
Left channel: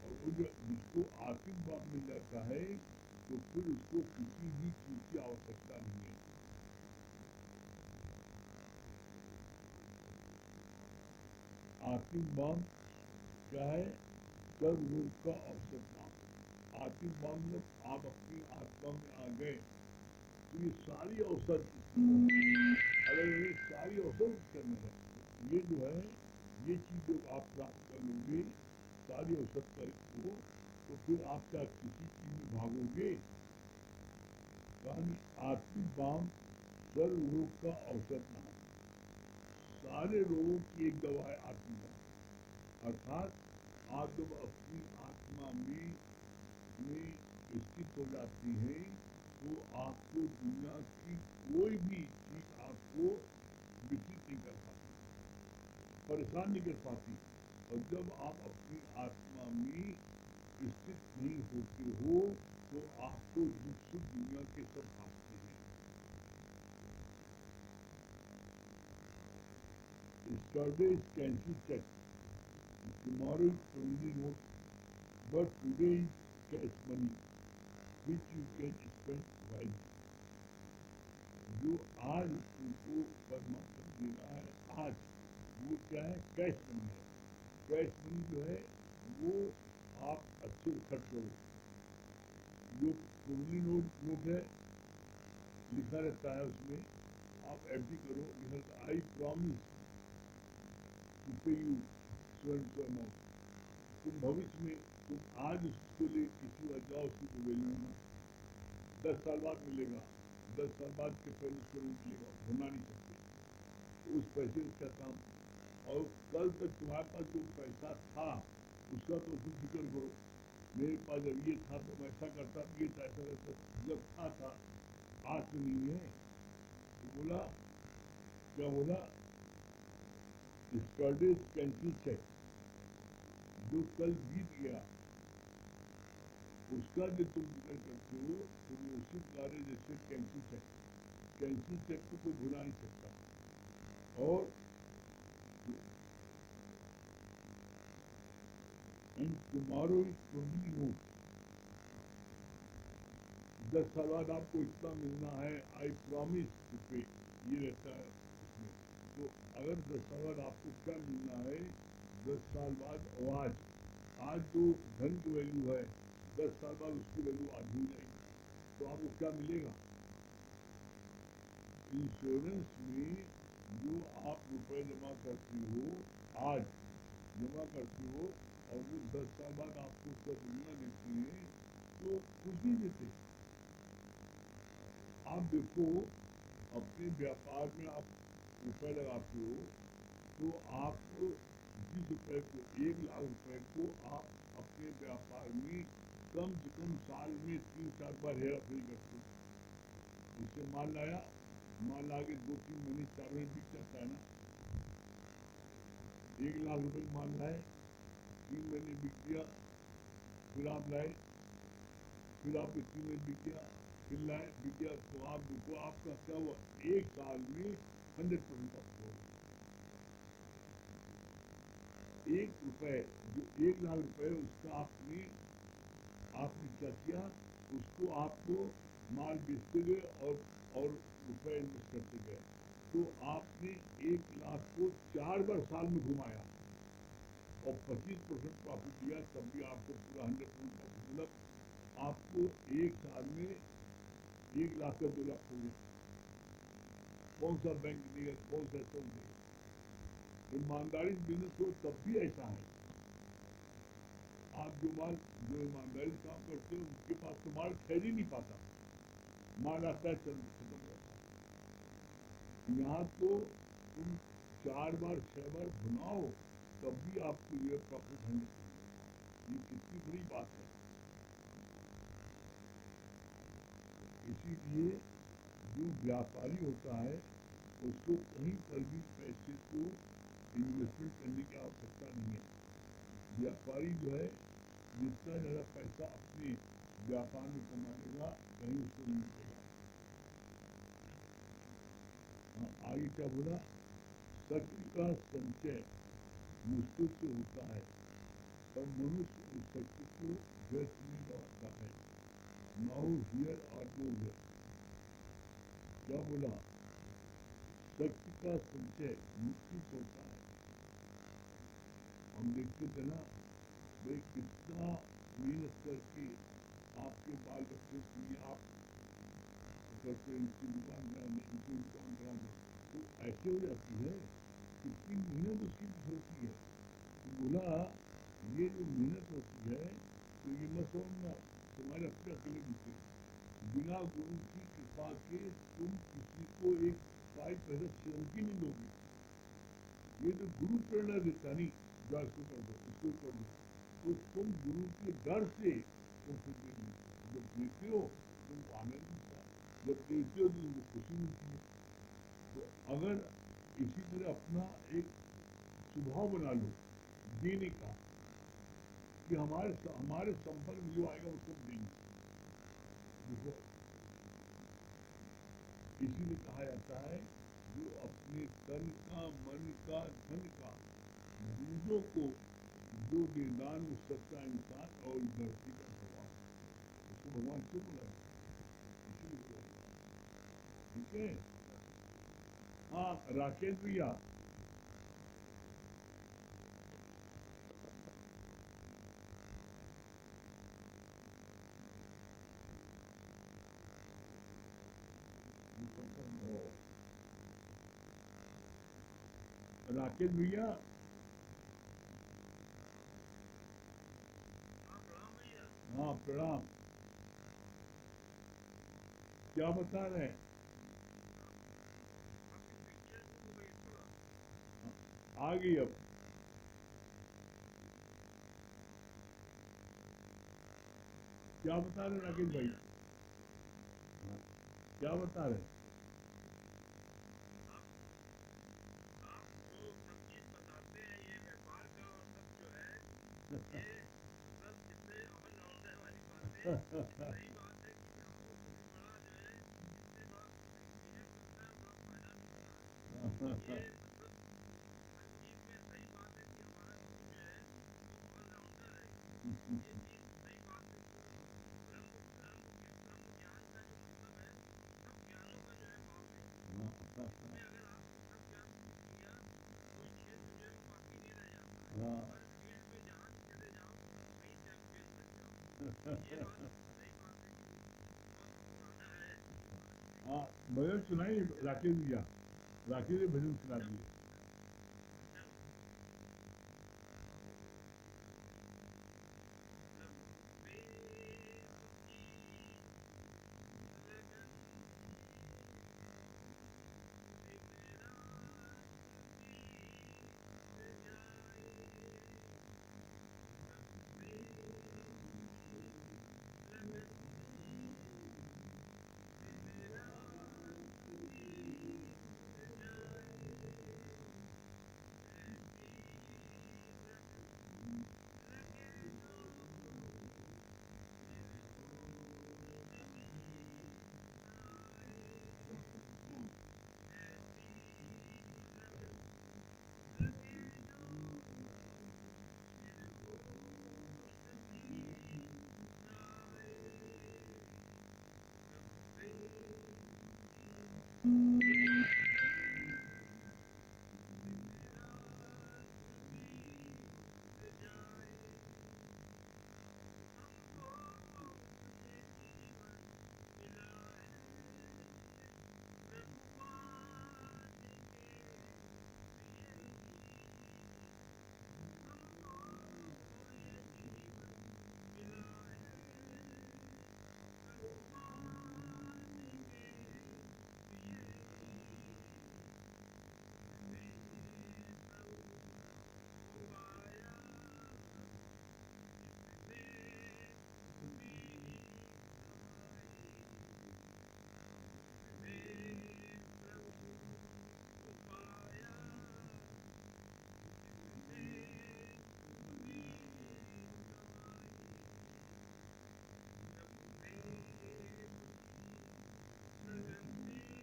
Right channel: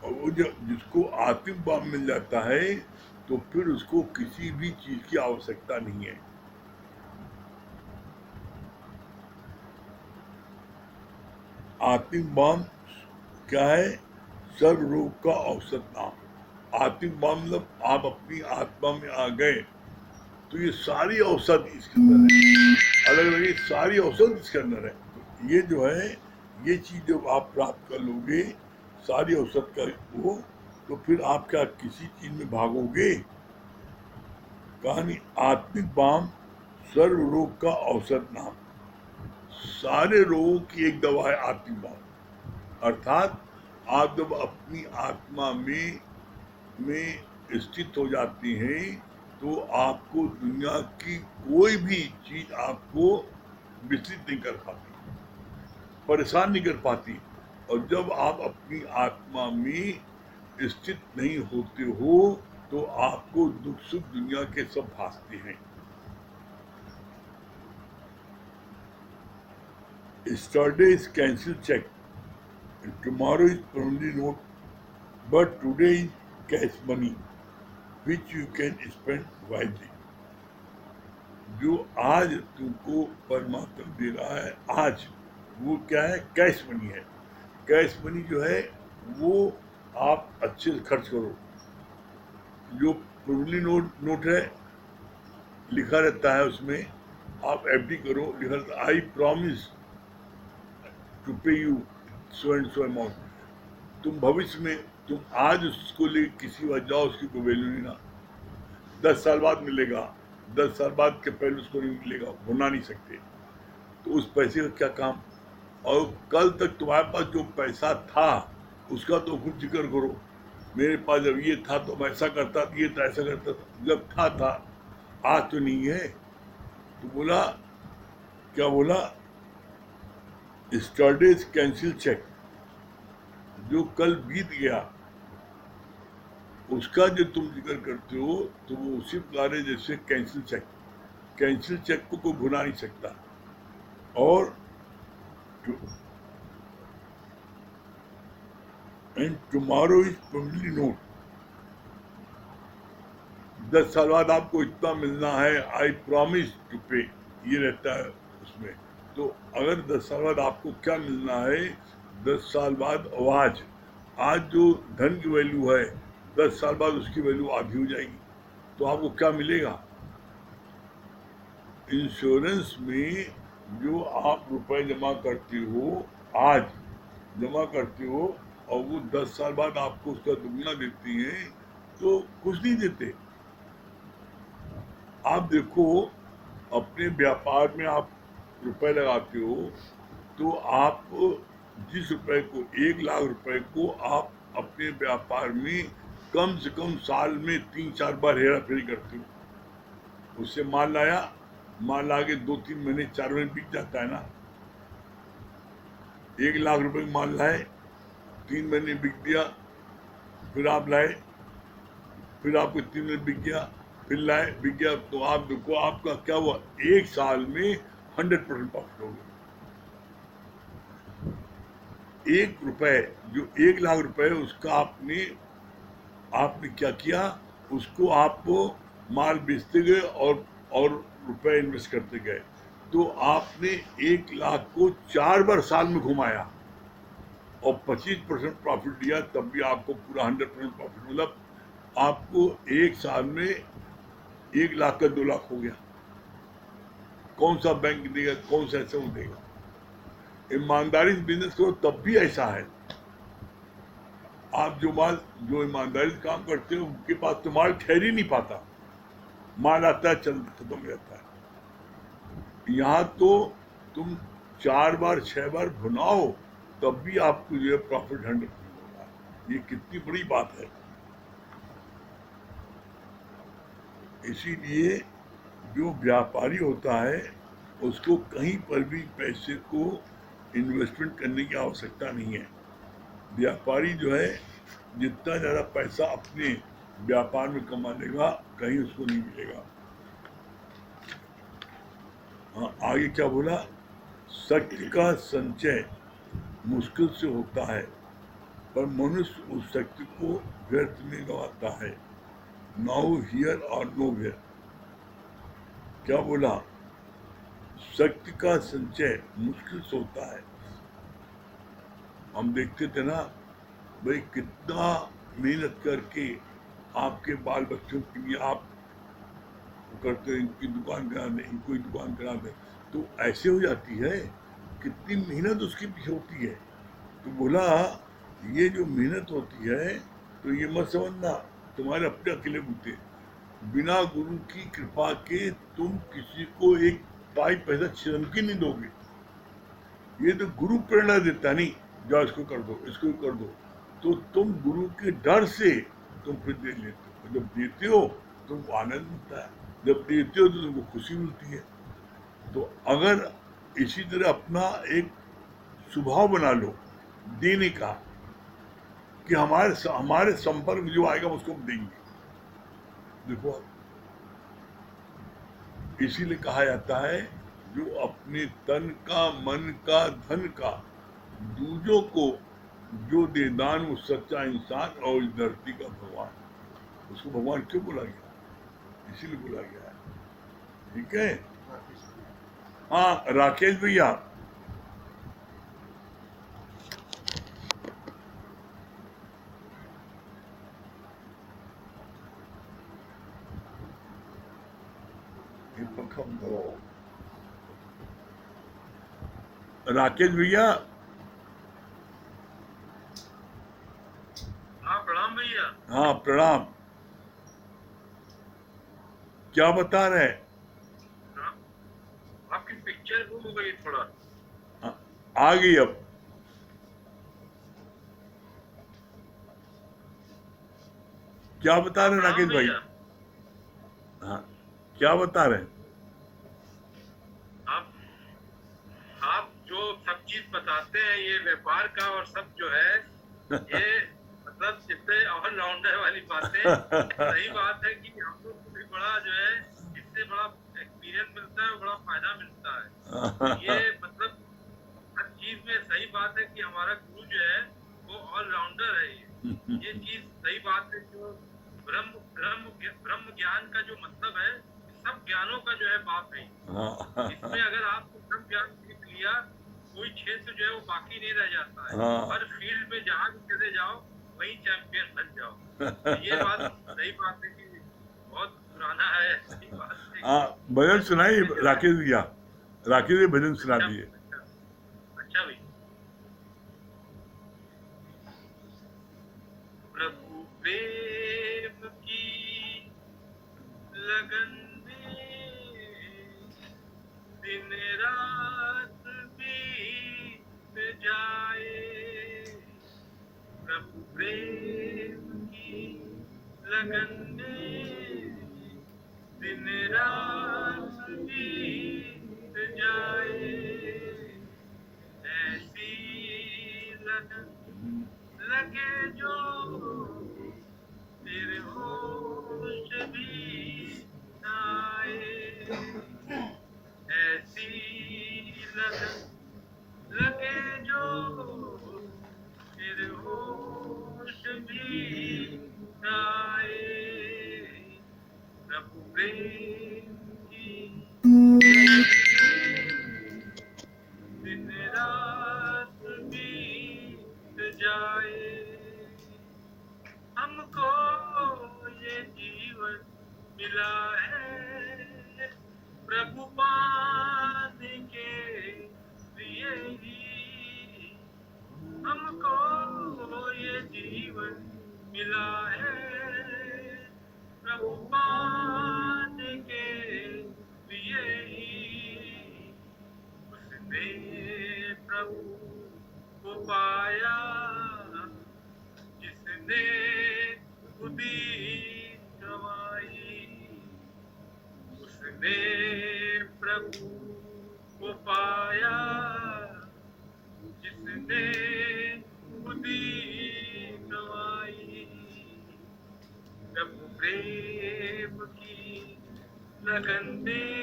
और वो जो जिसको आत्मिक बाम मिल जाता है तो फिर उसको किसी भी चीज की आवश्यकता नहीं है। आत्मिक बाम क्या है? सर्व रोग का औषध नाम। आत्मिक बाम मतलब आप अपनी आत्मा में आ गए तो ये सारी औषध इसके अंदर है, अलग अलग ये सारी औषध इसके अंदर है। तो ये जो है, ये चीज जब आप प्राप्त कर लोगे सारी औषध का, वो तो फिर आप क्या किसी चीज में भागोगे? कहानी आत्मिक बाम सर्व रोग का औसत नाम। सारे रोगों की एक दवा है आत्मिक बाम। अर्थात आप जब अपनी आत्मा में स्थित हो जाती हैं तो आपको दुनिया की कोई भी चीज आपको विचलित नहीं कर पाती, परेशान नहीं कर पाती। और जब आप अपनी आत्मा में स्थित नहीं होते हो तो आपको दुख सुख दुनिया के सब भासते हैं। Yesterday is cancelled check, tomorrow is promissory note, but today is cash money which you can spend wisely. जो आज तुमको परमात्मा दे रहा है आज, वो क्या है? कैश मनी है। कैश मनी जो है वो आप अच्छे से खर्च करो। जो प्रोविजनरी नोट है, लिखा रहता है उसमें, आप एफडी करो, लिखा रहता है आई प्रॉमिस टू पे you so and so amount. तुम भविष्य में, तुम आज उसको ले किसी वजह जाओ, उसकी कोई वैल्यू नहीं ना। 10 साल बाद मिलेगा, 10 साल बाद के पहले उसको नहीं मिलेगा, भुना नहीं सकते। तो उस पैसे का क्या काम? और कल तक तुम्हारे पास जो पैसा था उसका तो कुछ जिक्र करो। मेरे पास जब ये था तो मैं ऐसा करता, ये था ऐसा करता था, जब था आज तो नहीं है। तो बोला, क्या बोला? स्टडीज कैंसिल चेक, जो कल बीत गया उसका जो तुम जिक्र करते हो तो वो उसी प्रकार है जैसे कैंसिल चेक। कैंसिल चेक को कोई भुला नहीं सकता। और and tomorrow is probably note, 10 साल बाद आपको इतना मिलना है, आई प्रॉमिस टू पे, ये रहता है उसमें। तो अगर 10 साल बाद आपको क्या मिलना है, 10 साल बाद आज जो धन की वैल्यू है 10 साल बाद उसकी वैल्यू आधी हो जाएगी। तो आपको क्या मिलेगा? इंश्योरेंस में जो आप रुपए जमा करते हो, आज जमा करते हो, और वो 10 साल बाद आपको उसका दुगना देती हैं, तो कुछ नहीं देते। आप देखो, अपने व्यापार में आप रुपए लगाते हो तो आप जिस रुपए को 1 लाख रुपए को आप अपने व्यापार में कम से कम साल में 3-4 बार हेरा फेरी करते हो। उससे माल ला के 2-3 महीने 4 महीने बिक जाता है ना। 1 लाख रुपए का माल लाए, 3 महीने बिक दिया, फिर आप लाए, फिर आपको 3 महीने बिक गया, फिर लाए, बिक गया। तो आप देखो आपका क्या हुआ, 1 साल में 100% प्रॉफिट हो गया। 1 रुपए, जो 1 लाख रुपए उसका आपने क्या किया, उसको आप माल बेचते गए और रुपए इन्वेस्ट करते गए। तो आपने 1 लाख को 4 बार साल में घुमाया और 25% प्रॉफिट लिया, तब भी आपको पूरा 100% प्रॉफिट। मतलब आपको 1 साल में 1 लाख का 2 लाख हो गया। कौन सा बैंक देगा, कौन सा ऐसा वो देगा? ईमानदारी से बिजनेस करो तब भी ऐसा है। आप जो ईमानदारी से काम करते हो उनके पास तो माल ठहर ही नहीं पाता, माल आता है चल खत्म हो जाता है। यहाँ तो तुम 4 बार 6 बार भुनाओ तब भी आपको जो है प्रॉफिट 100% होगा। ये कितनी बड़ी बात है। इसीलिए जो व्यापारी होता है उसको कहीं पर भी पैसे को इन्वेस्टमेंट करने की आवश्यकता नहीं है। व्यापारी जो है जितना ज़्यादा पैसा अपने व्यापार में कमा लेगा, कहीं उसको नहीं मिलेगा। हाँ, आगे क्या बोला? शक्ति का संचय मुश्किल से होता है, पर मनुष्य उस शक्ति को व्यर्थ में गंवाता है। नो हियर और नो वेयर। क्या बोला? शक्ति का संचय मुश्किल से होता है। हम देखते थे ना भाई, कितना मेहनत करके आपके बाल बच्चों के लिए आप करते, इनकी दुकान करा दें, इनको ही दुकान करा दें, तो ऐसे हो जाती है। कितनी मेहनत उसके पीछे होती है। तो बोला ये जो मेहनत होती है तो ये मत समझना तुम्हारे अपने अकेले बूते, बिना गुरु की कृपा के तुम किसी को एक पाई पैसा छिन के नहीं दोगे। ये तो गुरु प्रेरणा देता नहीं, जाओ इसको कर दो, इसको कर दो, तो तुम गुरु के डर से तुम फिर दे लेते हो। जब देते हो तुमको आनंद मिलता है, जब देते हो तो तुमको खुशी मिलती है। तो अगर इसी तरह अपना एक स्वभाव बना लो देने का, कि हमारे संपर्क में जो आएगा उसको हम देंगे। देखो, इसीलिए कहा जाता है जो अपने तन का मन का धन का दूजों को जो दे दान वो सच्चा इंसान और इस धरती का भगवान। उसको भगवान क्यों बोला गया? इसीलिए बोला गया है। ठीक है। हाँ राकेश भैया। ये पंखा बंद करो। राकेश भैया। हाँ प्रणाम भैया। हाँ प्रणाम। क्या बता रहे हैं? हाँ, आपकी पिक्चर गुम हो गई थोड़ा। आ गई अब। क्या बता हाँ रहे हैं प्रणाम राकेश भाई? भैया। हाँ क्या बता रहे हैं? आप आप जो सब चीज बताते हैं ये व्यापार का और सब जो है ये मतलब इतने ऑलराउंडर वाली बातें, सही बात है कि हम लोग को भी बड़ा जो है इससे बड़ा एक्सपीरियंस मिलता है और बड़ा फायदा मिलता है। ये मतलब हर चीज में सही बात है कि हमारा गुरु जो है वो ऑलराउंडर है। ये चीज सही बात है। जो ब्रह्म ब्रह्म ब्रह्म ज्ञान का जो मतलब है सब ज्ञानों का जो है बाप है। इसमें अगर आपको सब ज्ञान सीख लिया कोई क्षेत्र जो है वो बाकी नहीं रह जाता है। हर फील्ड में जहाँ भी चले जाओ वही चैंपियन बन जाओ। ये बात सही बात है कि बहुत पुराना है, सही बात है कि भजन हर चीज सुनाइए में जो है। राकेश भैया। राकेश भैया भजन सुना अच्छा दिए। अच्छा अच्छा भाई। प्रभु प्रेम की लगन में दिन रात बीत जाए। प्रभु प्रेम की लगन में दिन रात बीत जाए। ऐसी लगन लगे जो फिर होश भी न आए। ऐसी लगन लगे जो फिर होश भी न आए। प्रभु प्रेम की दिन रात बीत जाए। हमको ये जीवन मिला है प्रभु पाने के लिए ही। हमको ये जीवन मिला है प्रभु पाने के लिए ही। उसने प्रभु को पाया जिसने खुदी गवाई। उसने प्रभु को पाया जिसने खुदी गवाई। प्रभु प्रेम की लगन में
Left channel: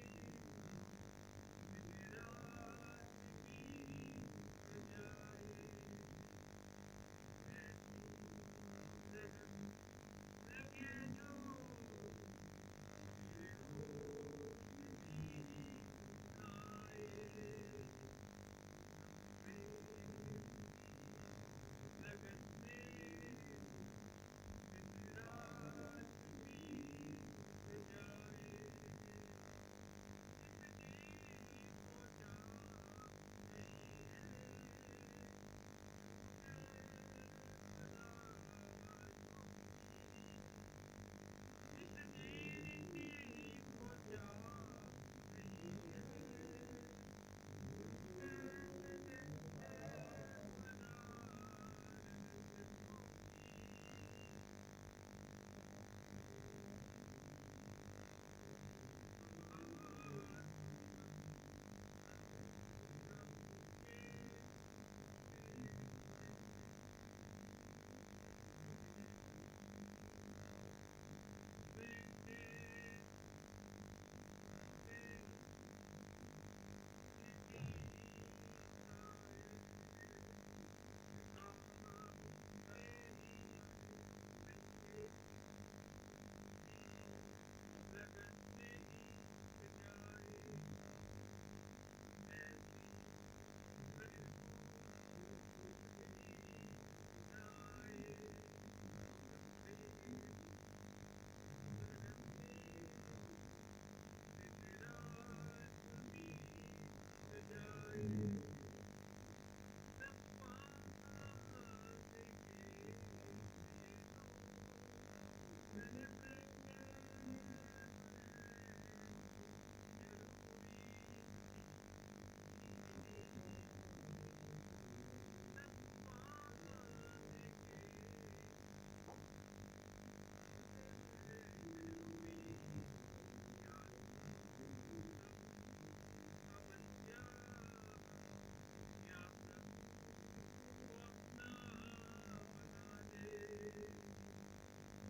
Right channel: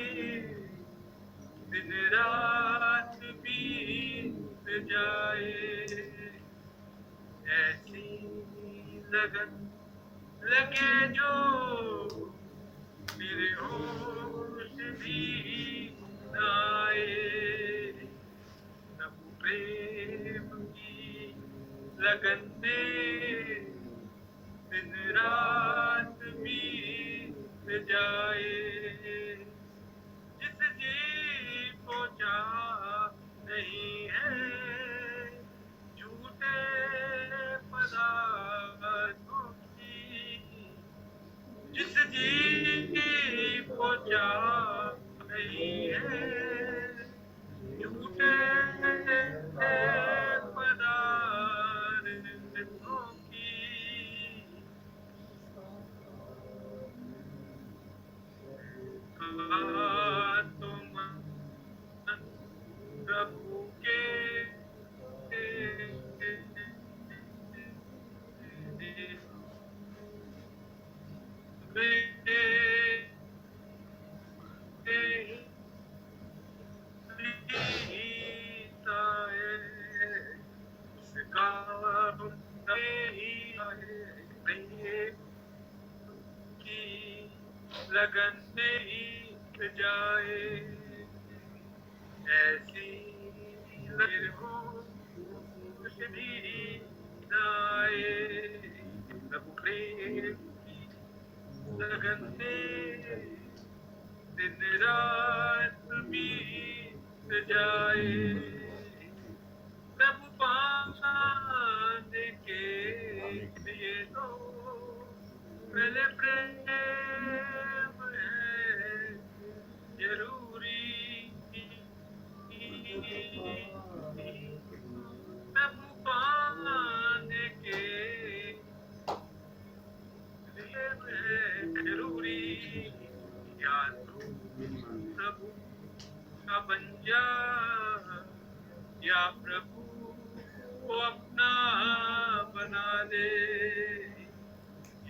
दिन रात बीत जाए। ऐसी लगन लगे जो फिर होश भी न आए। प्रभु प्रेम की लगन में दिन रात बीत जाए। जिस जी को चाह नहीं है झूठे पदार्थों तो मन प्रभु के लगन नहीं जाए ऐसी लहर हो कुछ भी जाए प्रभु प्रेम की लगन से दिन रात बीत जाए प्रभु पाने के लिए तो पहले प्रेम है जरूरी प्रभु पाने के लिए है जरूरी या तो प्रभु का बन जा या प्रभु को अपना बना दे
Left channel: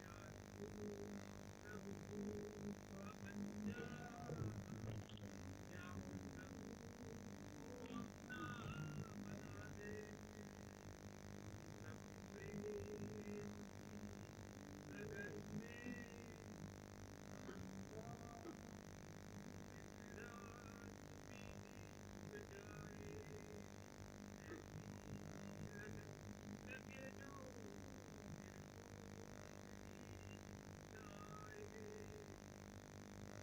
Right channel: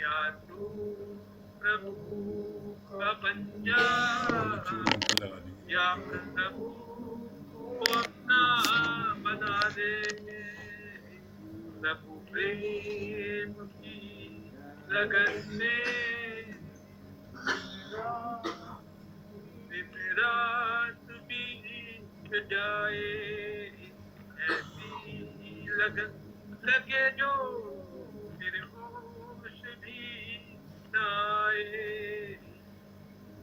या तू प्रभु का बन जा या प्रभु को अपना बना दे प्रभु प्रेम की लगन से दिन रात बीत जाए ऐसी लगन लगे जो फिर होश भी न आए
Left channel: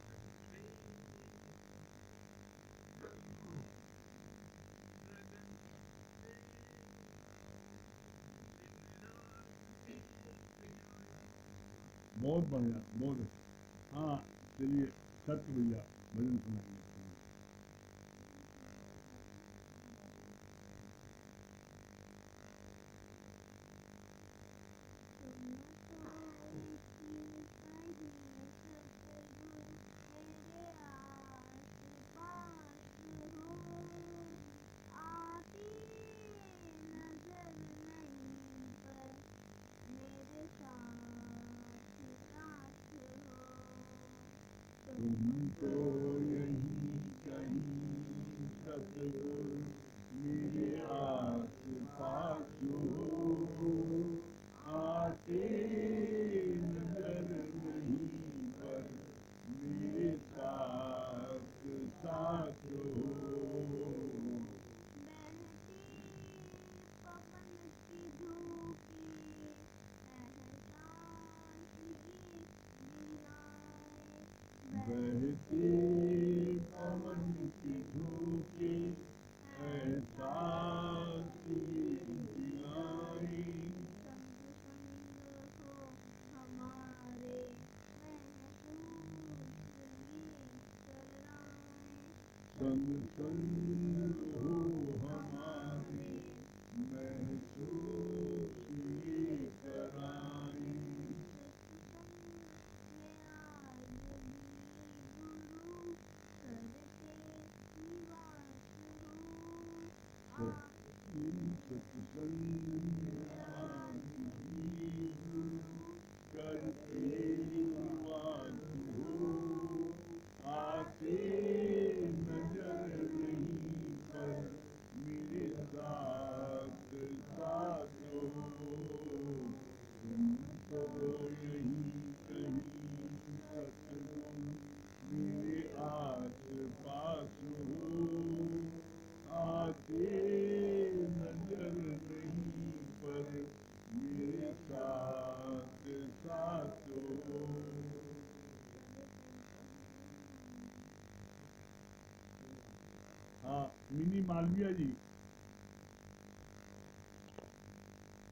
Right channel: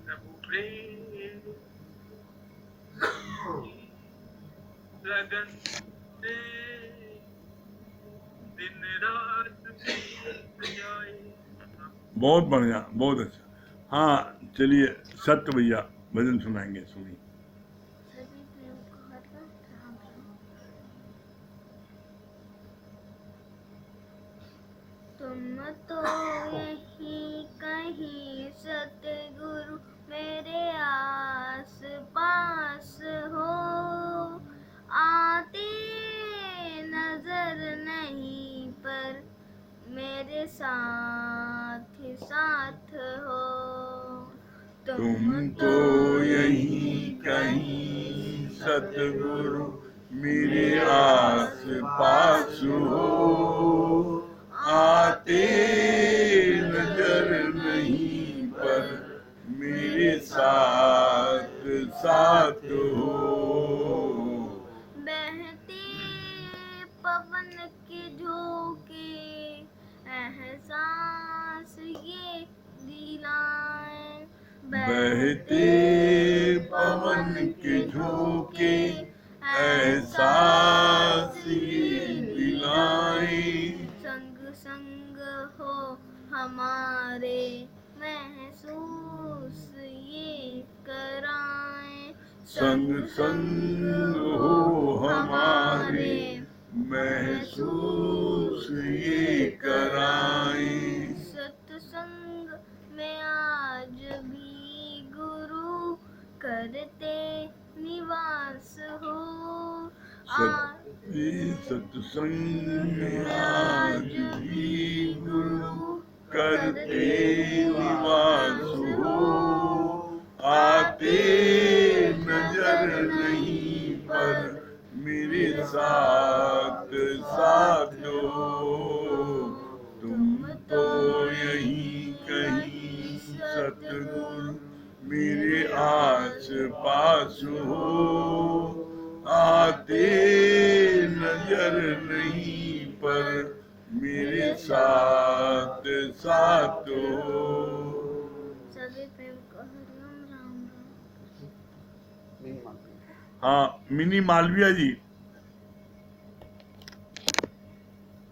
प्रभु प्रेम लगन से दिन रात बीत जाए। बहुत बढ़िया, बहुत अच्छा। हाँ चलिए सत्य भैया भजन सुनाएंगे, सुनिए। तुम तो यही कहीं सतगुरु मेरे आस पास हो आते नजर नहीं पर मेरे साथ ही साथ हो तुम तो यही कहीं सतगुरु मेरे आस पास हो आते नजर नहीं पर मेरे साथ साथ हो बहते पवन के झोंके एहसास ये दिलाए बहते पवन के झोंके एहसास ये दिलाए संग संग हो हमारे महसूस ये कराए संग संग हो हमारे महसूस ये कराए सत्संग में आज भी गुरु करते निवास हो सत्संग में आज भी गुरु करते निवास हो आते नजर नहीं पर मेरे साथ साथ हो तुम तो यही कहीं सतगुरु मेरे आस पास हो आते नजर नहीं पर मेरे साथ साथ हो। सभी प्रेम को हरिओम राम राम। हाँ मिनी मालविया जी,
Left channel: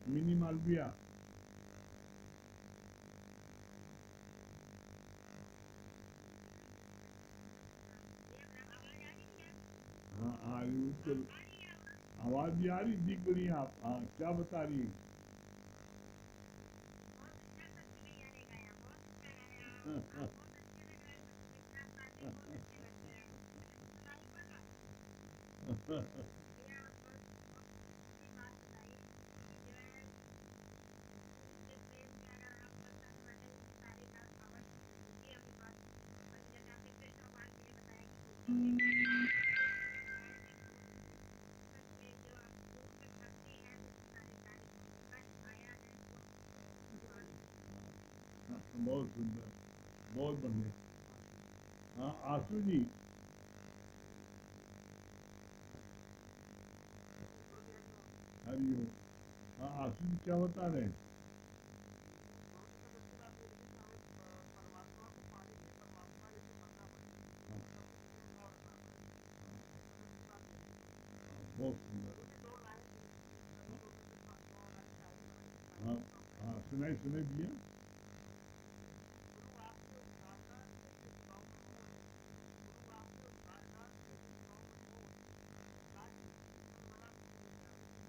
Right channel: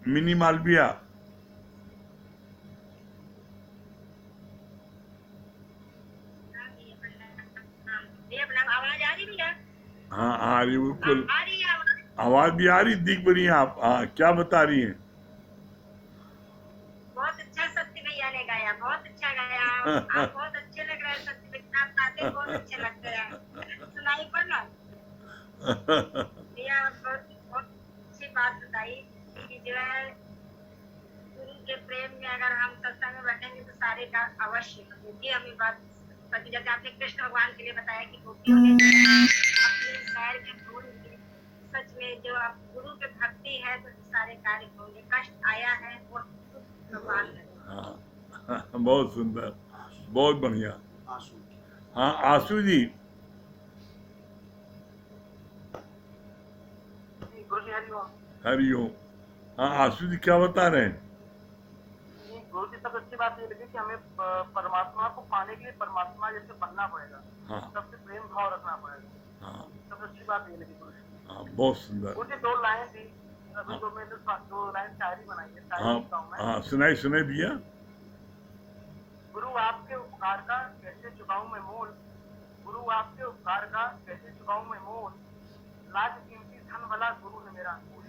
मिनी मालविया आवाज आ रही भैया? हाँ आ रही, बिल्कुल आ रही है आवाज? आवाज भी आ रही, दिख बनी आप। हाँ क्या बता रही हैं? बहुत अच्छा सत्य भैया ने गाया, बहुत अच्छा गाया। आप बहुत अच्छे लग रहे हैं सत्य भैया, आप गाते के बहुत अच्छे लगते हैं। सुनाई पड़ना भैया, बहुत बहुत अच्छी बात बताई कि जो है गुरु के प्रेम में अगर हम सत्संग में बैठेंगे तो सारे का अवश्य होगी। हमें बात पति, जैसे आपने कृष्ण भगवान के लिए बताया कि गोपियों ने जो है अपने पैर में धूल लिए, सच में जो आप गुरु के भक्ति है तो सारे कार्य होंगे। कष्ट आया है और भगवान है। हाँ, बहुत सुंदर, बहुत बढ़िया। हाँ आशु जी। गुरु जी हरिओम। हरिओम। हाँ आशु जी क्या बता रहे हैं? गुरु जी सबसे अच्छी बात ये लगी कि हमें परमात्मा को पाने के लिए परमात्मा जैसे बनना पड़ेगा। हाँ सबसे प्रेम भाव रखना पड़ेगा। हाँ सबसे अच्छी बात ये लगी गुरु जी। हाँ, बहुत सुंदर। गुरु जी 2 लाइन थी, अभी हाँ। 2 मैंने 2 लाइन शायरी बनाई है, हाँ शायरी लिखता हूँ मैं। हाँ, सुनाई सुनाई भैया। गुरु आपके उपकार का कैसे चुकाऊं मैं मोल, गुरु आपके उपकार का कैसे चुकाऊं मैं मोल, लाज कीमती धन भला गुरु है मेरा अनमोल।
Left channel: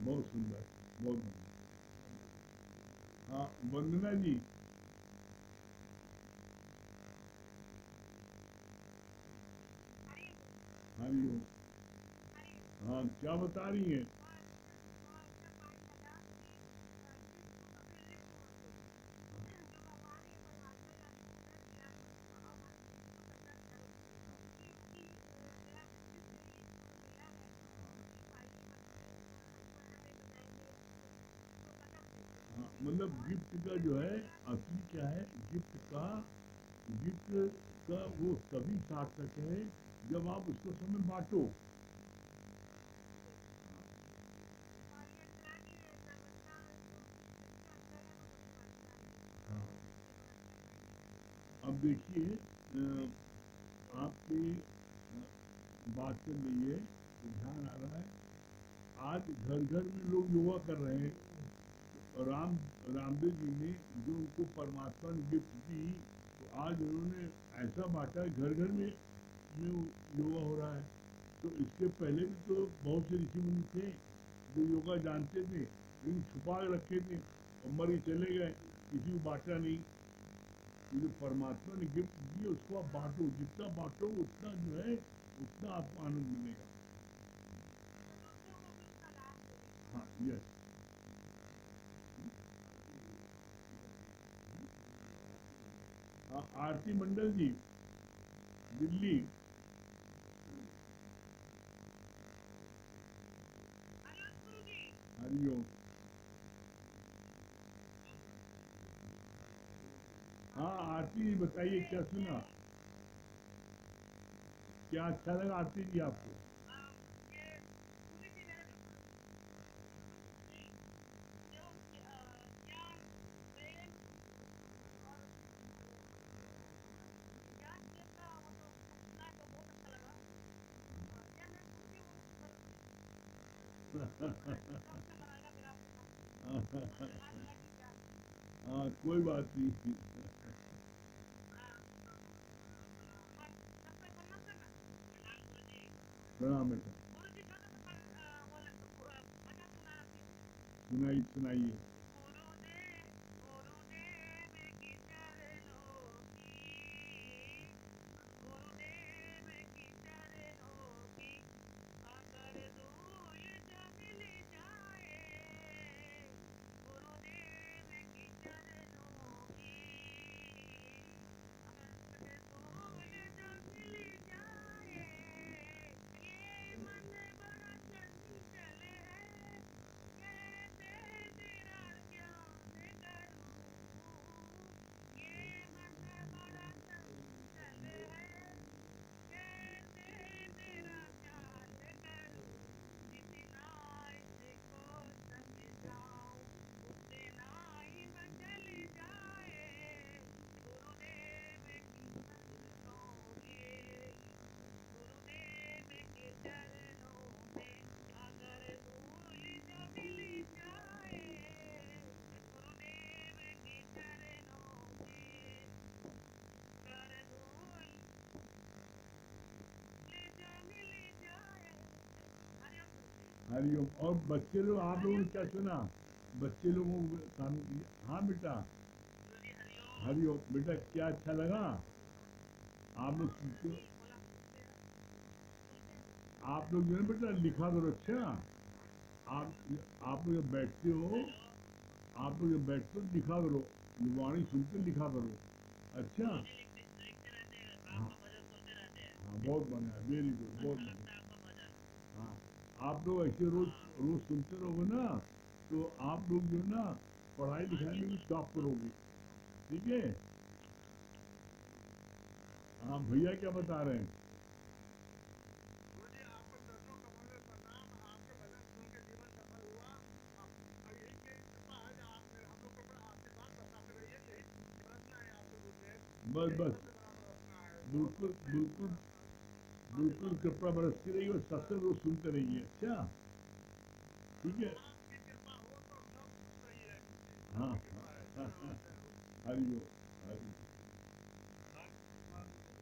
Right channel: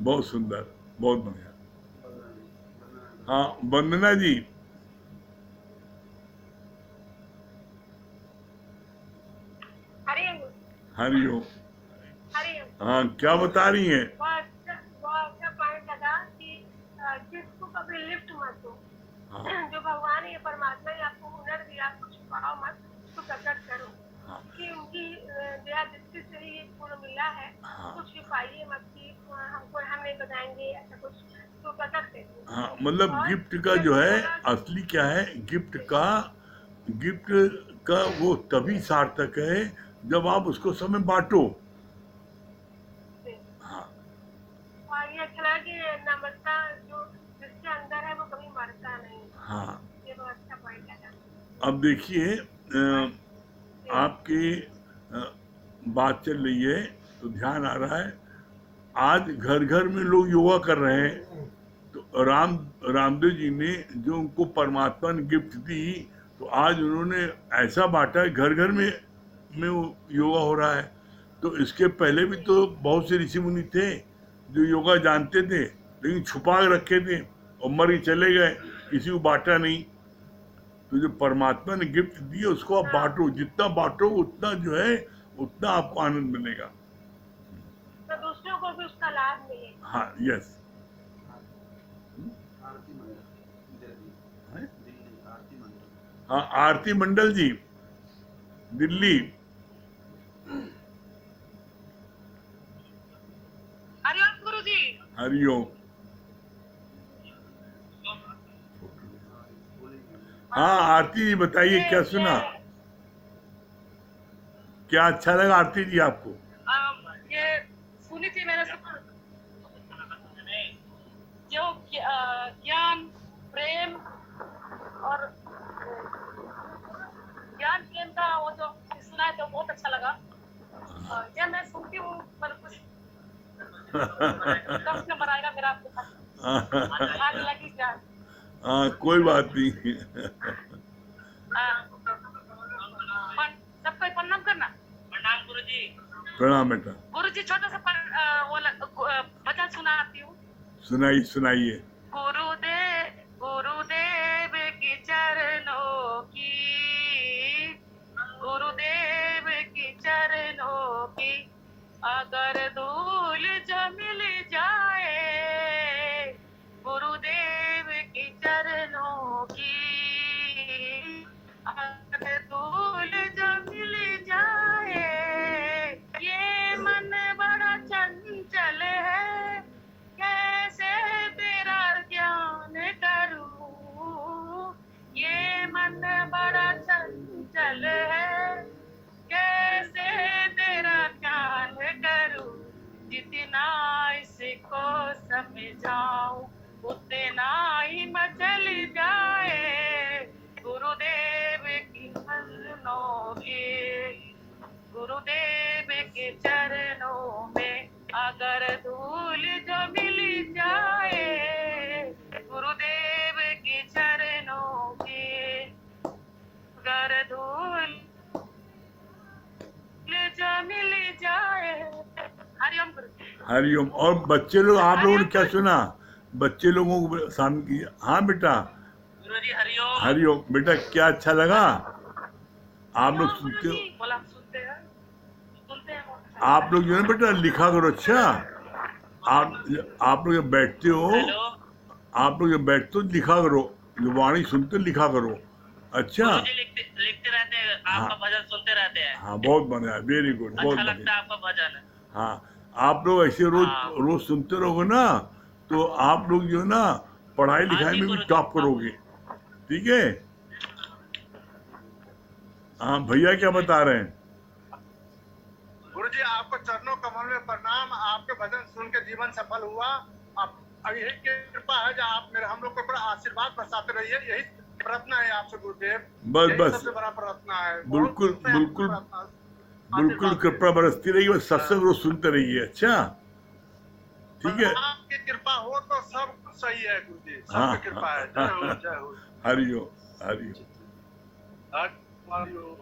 बहुत सुंदर, बहुत बढ़िया। हाँ वंदना जी। हरिओम हरिओम। हरिओम। हाँ क्या बता रही हैं? बहुत अच्छा पॉइंट लगा कि जिसको कभी लिफ्ट मत दो। हाँ जो भगवान या परमात्मा ने आपको हुनर दिया, आपको छुपाओ मत, उसको प्रकट करो। हाँ कि उनकी दया दृष्टि से ही ये गुण मिला है। हाँ कुछ छुपाइए मत कि हमको, हम नहीं बताएंगे ऐसा कुछ, तो प्रकट करिए। हाँ, मतलब और गिफ्ट का जो है असली क्या है, गिफ्ट का वो तभी सार्थक है जब आप उसको समय बांटो। हाँ और ये अच्छा लगा कि नम्रता जो जिसके अंदर है वो कभी मरता नहीं। हाँ। ये बहुत अच्छा पॉइंट लगा। अब देखिए आपकी बात चल रही है तो ध्यान आ रहा है, आज घर घर में लोग योगा कर रहे हैं। तो रामदेव जी ने जो उनको परमात्मा ने गिफ्ट दी, तो आज उन्होंने ऐसा बांटा है, घर घर में वो योगा हो रहा है। तो इसके पहले भी तो बहुत से ऋषि मुनि थे जो योगा जानते थे, लेकिन छुपा के रखे थे और मर के चले गए, किसी को बांटा नहीं। तो जो परमात्मा ने गिफ्ट दी उसको आप बांटो, जितना बांटो उतना जो है उतना आपको आनंद मिलेगा। तो दूसरों को भी उसका लाभ मिले। हाँ यस। हाँ आरती मंडल जी, दिल्ली। हरिओम गुरु जी। हरिओम। हाँ आरती जी बताइए, क्या सुना, क्या अच्छा लगा आरती जी आपको? ये सुनी थी मैंने, जो ज्ञान प्रेम और ज्ञान प्रेम का वो जो सुना है तो बहुत अच्छा लगा। ये मैं सुनती हूँ पर कुछ 10 नंबर आएगा मेरा आपके पास। आग लगी क्या? हाँ कोई बात नहीं। सबको प्रणाम करना। प्रणाम गुरु जी। प्रणाम बेटा। गुरु जी छोटा सा भजन सुनाती हूँ। सुनाइए सुनाइए। गुरुदेव की चरणों की, गुरुदेव की चरणों की अगर धूल जो मिल जाए, गुरुदेव की चरणों की अगर धूल जो मिल जाए, ये मन बड़ा चंचल है, कैसे तेरा ज्ञान करूं, ये मन बड़ा चंचल है, कैसे तेरा ज्ञान करूं, जितना इसको समझाऊं उतना ही मचल जाए, गुरुदेव की चरणों के, गुरुदेव के चरणों में अगर धूल जो मिल जाए, गुरुदेव के चरणों के अगर धूल जो मिल जाए। हरिओम गुरु। हरिओम। और बच्चे लोग, आप लोगों ने क्या सुना? बच्चे लोगों को शामिल किया। हाँ बेटा। गुरु जी हरिओम। हरिओम बेटा, क्या अच्छा लगा? आप लोग हाँ सुनते हो, गुरुजी। बोला सुनते हैं वो। आप लोग जो है बेटा लिखा करो। अच्छा, आप लोग जब बैठते हो, हेलो आप लोग जब बैठते हो लिखा करो, जो वाणी सुनते हो, लिखा करो। अच्छा, गुरुजी लिखते लिखते रहते हैं, हाँ आपका भजन सुनते रहते हैं। हाँ, बहुत बढ़िया, वेरी गुड, बहुत अच्छा लगता बढ़िया। है आपका भजन। हाँ, आप लोग ऐसे रोज हाँ रोज सुनते रहोगे ना, तो आप लोग जो है ना पढ़ाई हाँ लिखाई जी में भी गुरुजी, टॉप हाँ करोगे। ठीक है। हाँ भैया क्या बता रहे हैं? गुरुजी आपको चरणों कमल में प्रणाम। आपके भजन सुन के जीवन सफल हुआ। अब यही कृपा है जो आप मेरे हम लोग को बड़ा आशीर्वाद बरसाते रहिए, यही प्रार्थना है आपसे गुरुदेव। बस यही बस, सबसे बड़ा प्रार्थना है। बिल्कुल बहुत से बिल्कुल प्रार्थना बिल्कुल आशीर्वाद कृपा बरसती रही, बस सत्संग रोज सुनते रहिए। अच्छा, ठीक है। आपकी कृपा हो तो सब कुछ सही है गुरुजी, हाँ सबकी कृपा है। जय हो जय हो। हरिओम हरिओम। हरिओम।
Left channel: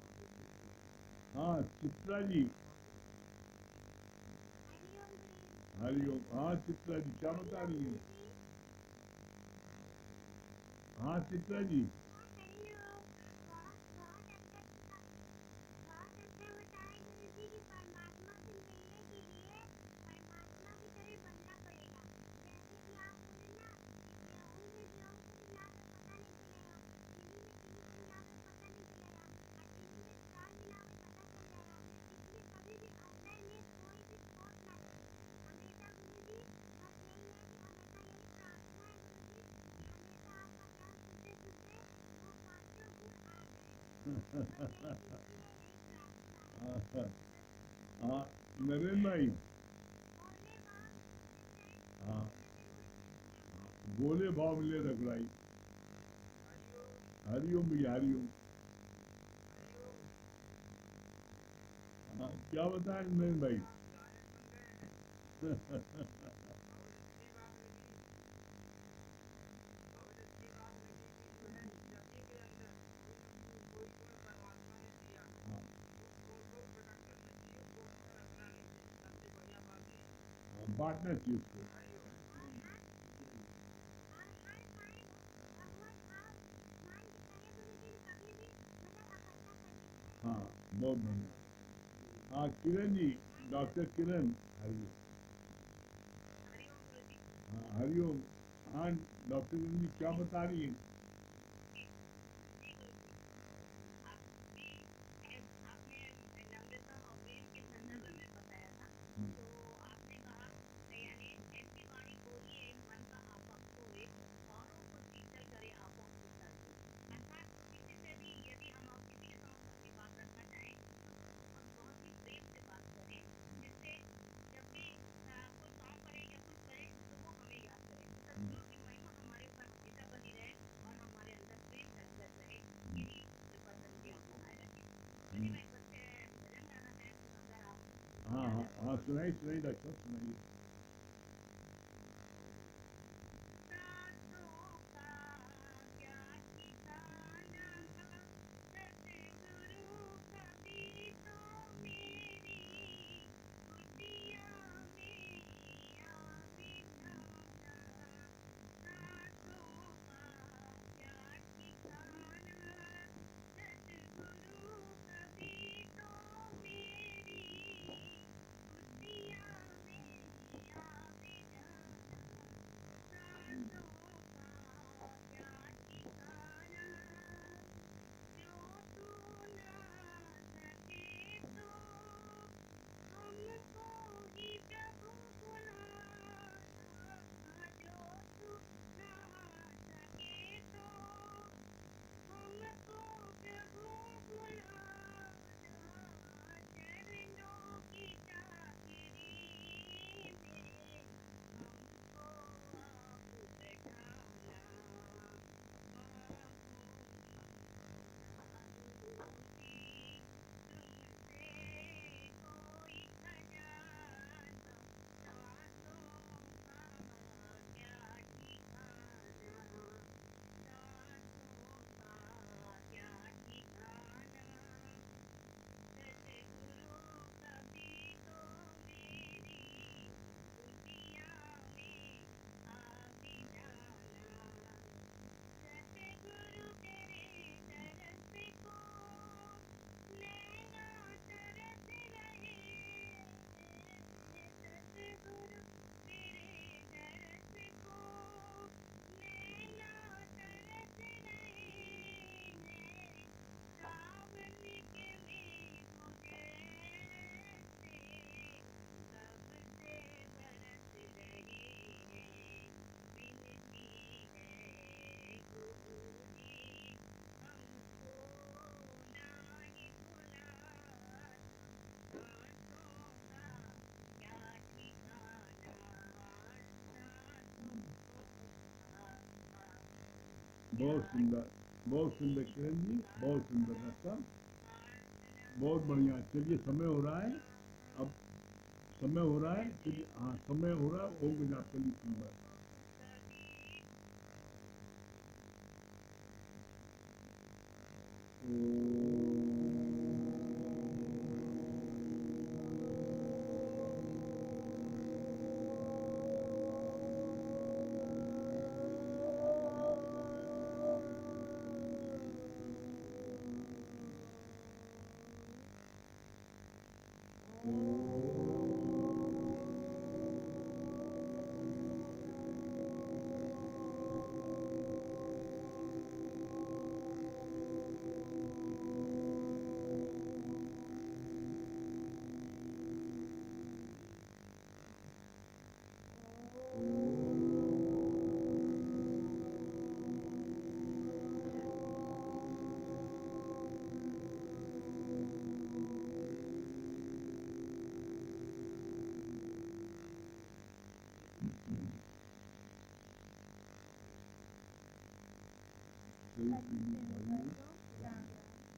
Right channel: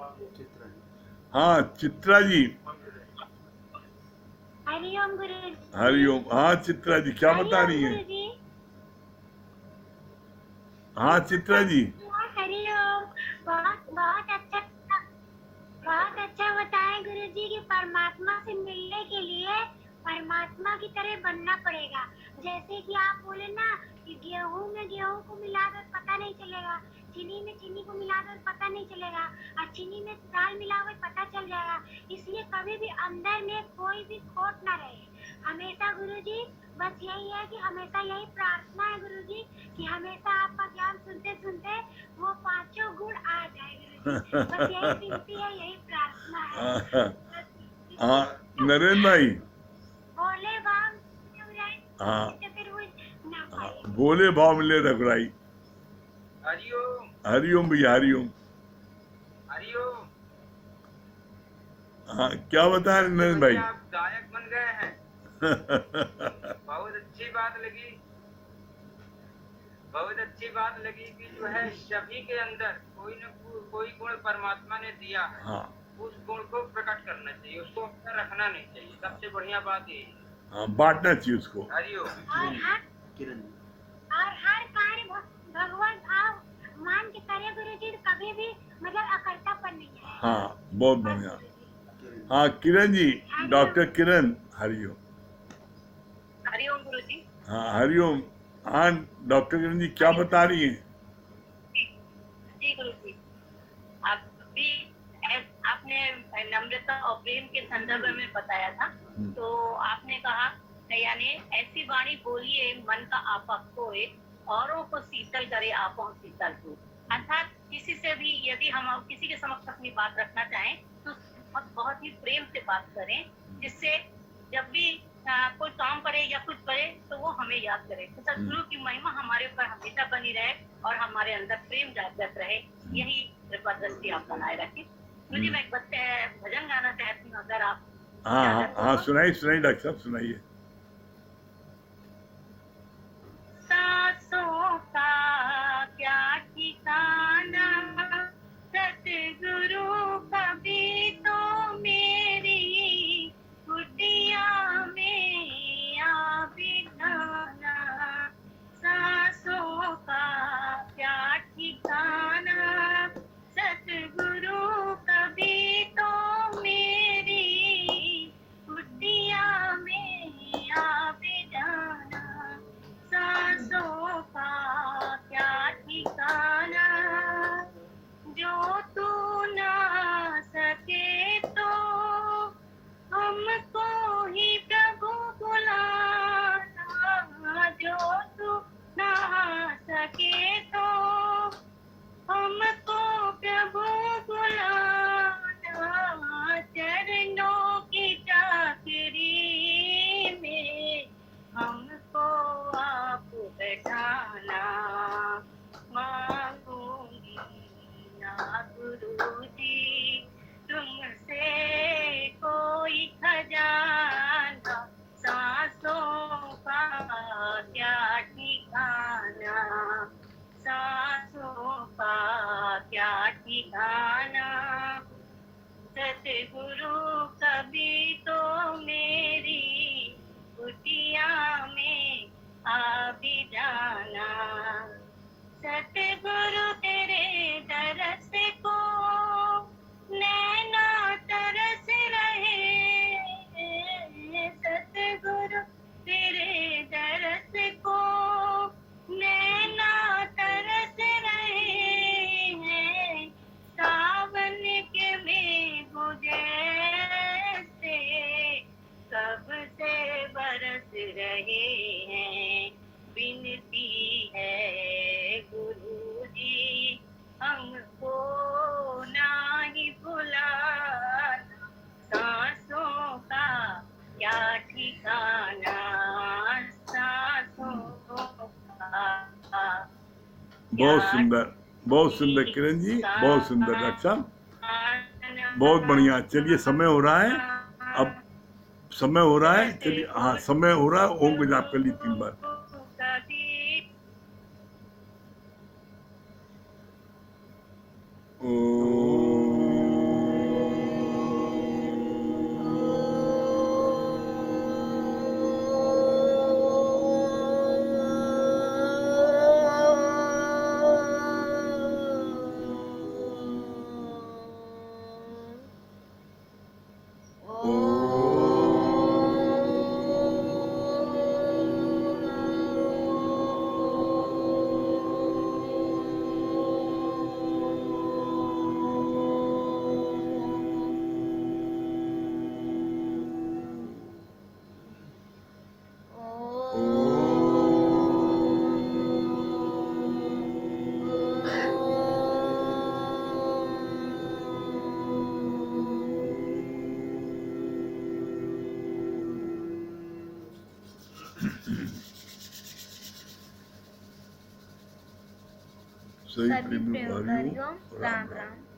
हाँ चित्रा जी, हरिओम गुरुजी। हरिओम। हाँ चित्रा जी क्या बता हरिओम रही हैं? गुरुजी। हाँ चित्रा जी, हरिओम। बहुत अच्छा बताएं गुरुजी कि परमात्मा से मिलने के लिए परमात्मा की तरह बनना पड़ेगा। जैसे कि आप बोले ना कि गेहूं में गेहूं को मिलाकर पता नहीं चलेगा, चीनी में चीनी को मिलाकर पता नहीं चलेगा, और चीनी में दाल मिलाकर पता चल जाएगा। इसलिए कभी भी अंदर में कोई भी खोट ना रहे। हमेशा गुरुजी बस यही है कि हमेशा यही प्रार्थना है गुरुजी कि हमेशा आपका ज्ञान सुनते सुनते वो पांचों गुण आ जाए गुरुजी। बस यही विनती है, यही प्रार्थना है। हाँ नरेंद्र भाई, बोले बाम हाँ तो फिर वो ना हाँ, पाए। बोले भाव मिले रघुराई। हरिओम हरिओम भैया, हरिओम। हरिओम। हाँ क्या बता रहे नरेंद्र भाई? भैया आप गायक बन गए हैं, बहुत अच्छी बात लगी। बहुत अच्छी बात लगी कि जो है सभी के अंदर कोई न कोई गुण परमात्मा ने दिया है, हाँ उस गुण को प्रकट करना चाहिए, उसको अपना रखना नहीं चाहिए। सबसे बढ़िया बात ये है। हाँ, बांटना चाहिए उसको। हरिओम। और हर कार्य भगवान भाव मान के करे गुरुजी, कभी भी मतलब अकर्तापन नहीं है। हाँ बहुत बढ़िया। हाँ किरण जी, डॉक्टर किरण, हरिओम। हरिओम गुरुजी। हाँ हरिओम। हाँ डॉक्टर किरण जी क्या बता रही हैं? जी गुरुजी, आप भी आपने नम्रता और प्रेम के संदर्भ में बताया था। तो आपने कहा यानी ऐसी वाणी बोलिए मन का आपा खोए, औरों को शीतल करे आपो शीतल हो। अर्थात किसी से भी यदि हम किसी के समक्ष अपनी बात रखना चाहें तो बहुत ही प्रेम से बात करें, जिससे जब भी कोई काम करे या कुछ करे तो वो हमें याद करे। तो सद्गुरु की महिमा हमारे ऊपर हमेशा बनी रहे और हमारे अंदर प्रेम जागृत रहे, यही कृपा दृष्टि आप बनाए रखें। मुझे मैं एक भजन गाना चाहती हूँ, अगर आप हाँ हाँ इजाजत हो हाँ, तो। सुनाइए सुनाइए डॉक्टर साहब, सुनाइए। सांसों का क्या ठिकाना, सतगुरु कभी तो मेरी कुटिया में आ बिठाना। सांसों का क्या ठिकाना, सतगुरु कभी तो मेरी कुटिया में बहुत सुंदर किरण जी, बहुत सुंदर रक्षा, बहुत बढ़िया। चलिए समय हो रहा है, अब समय हो रहा है, चलिए हाँ समय हो रहा है, ओम का जाप कर ली 3 बार। सही प्रेमी भाइयों, राम राम।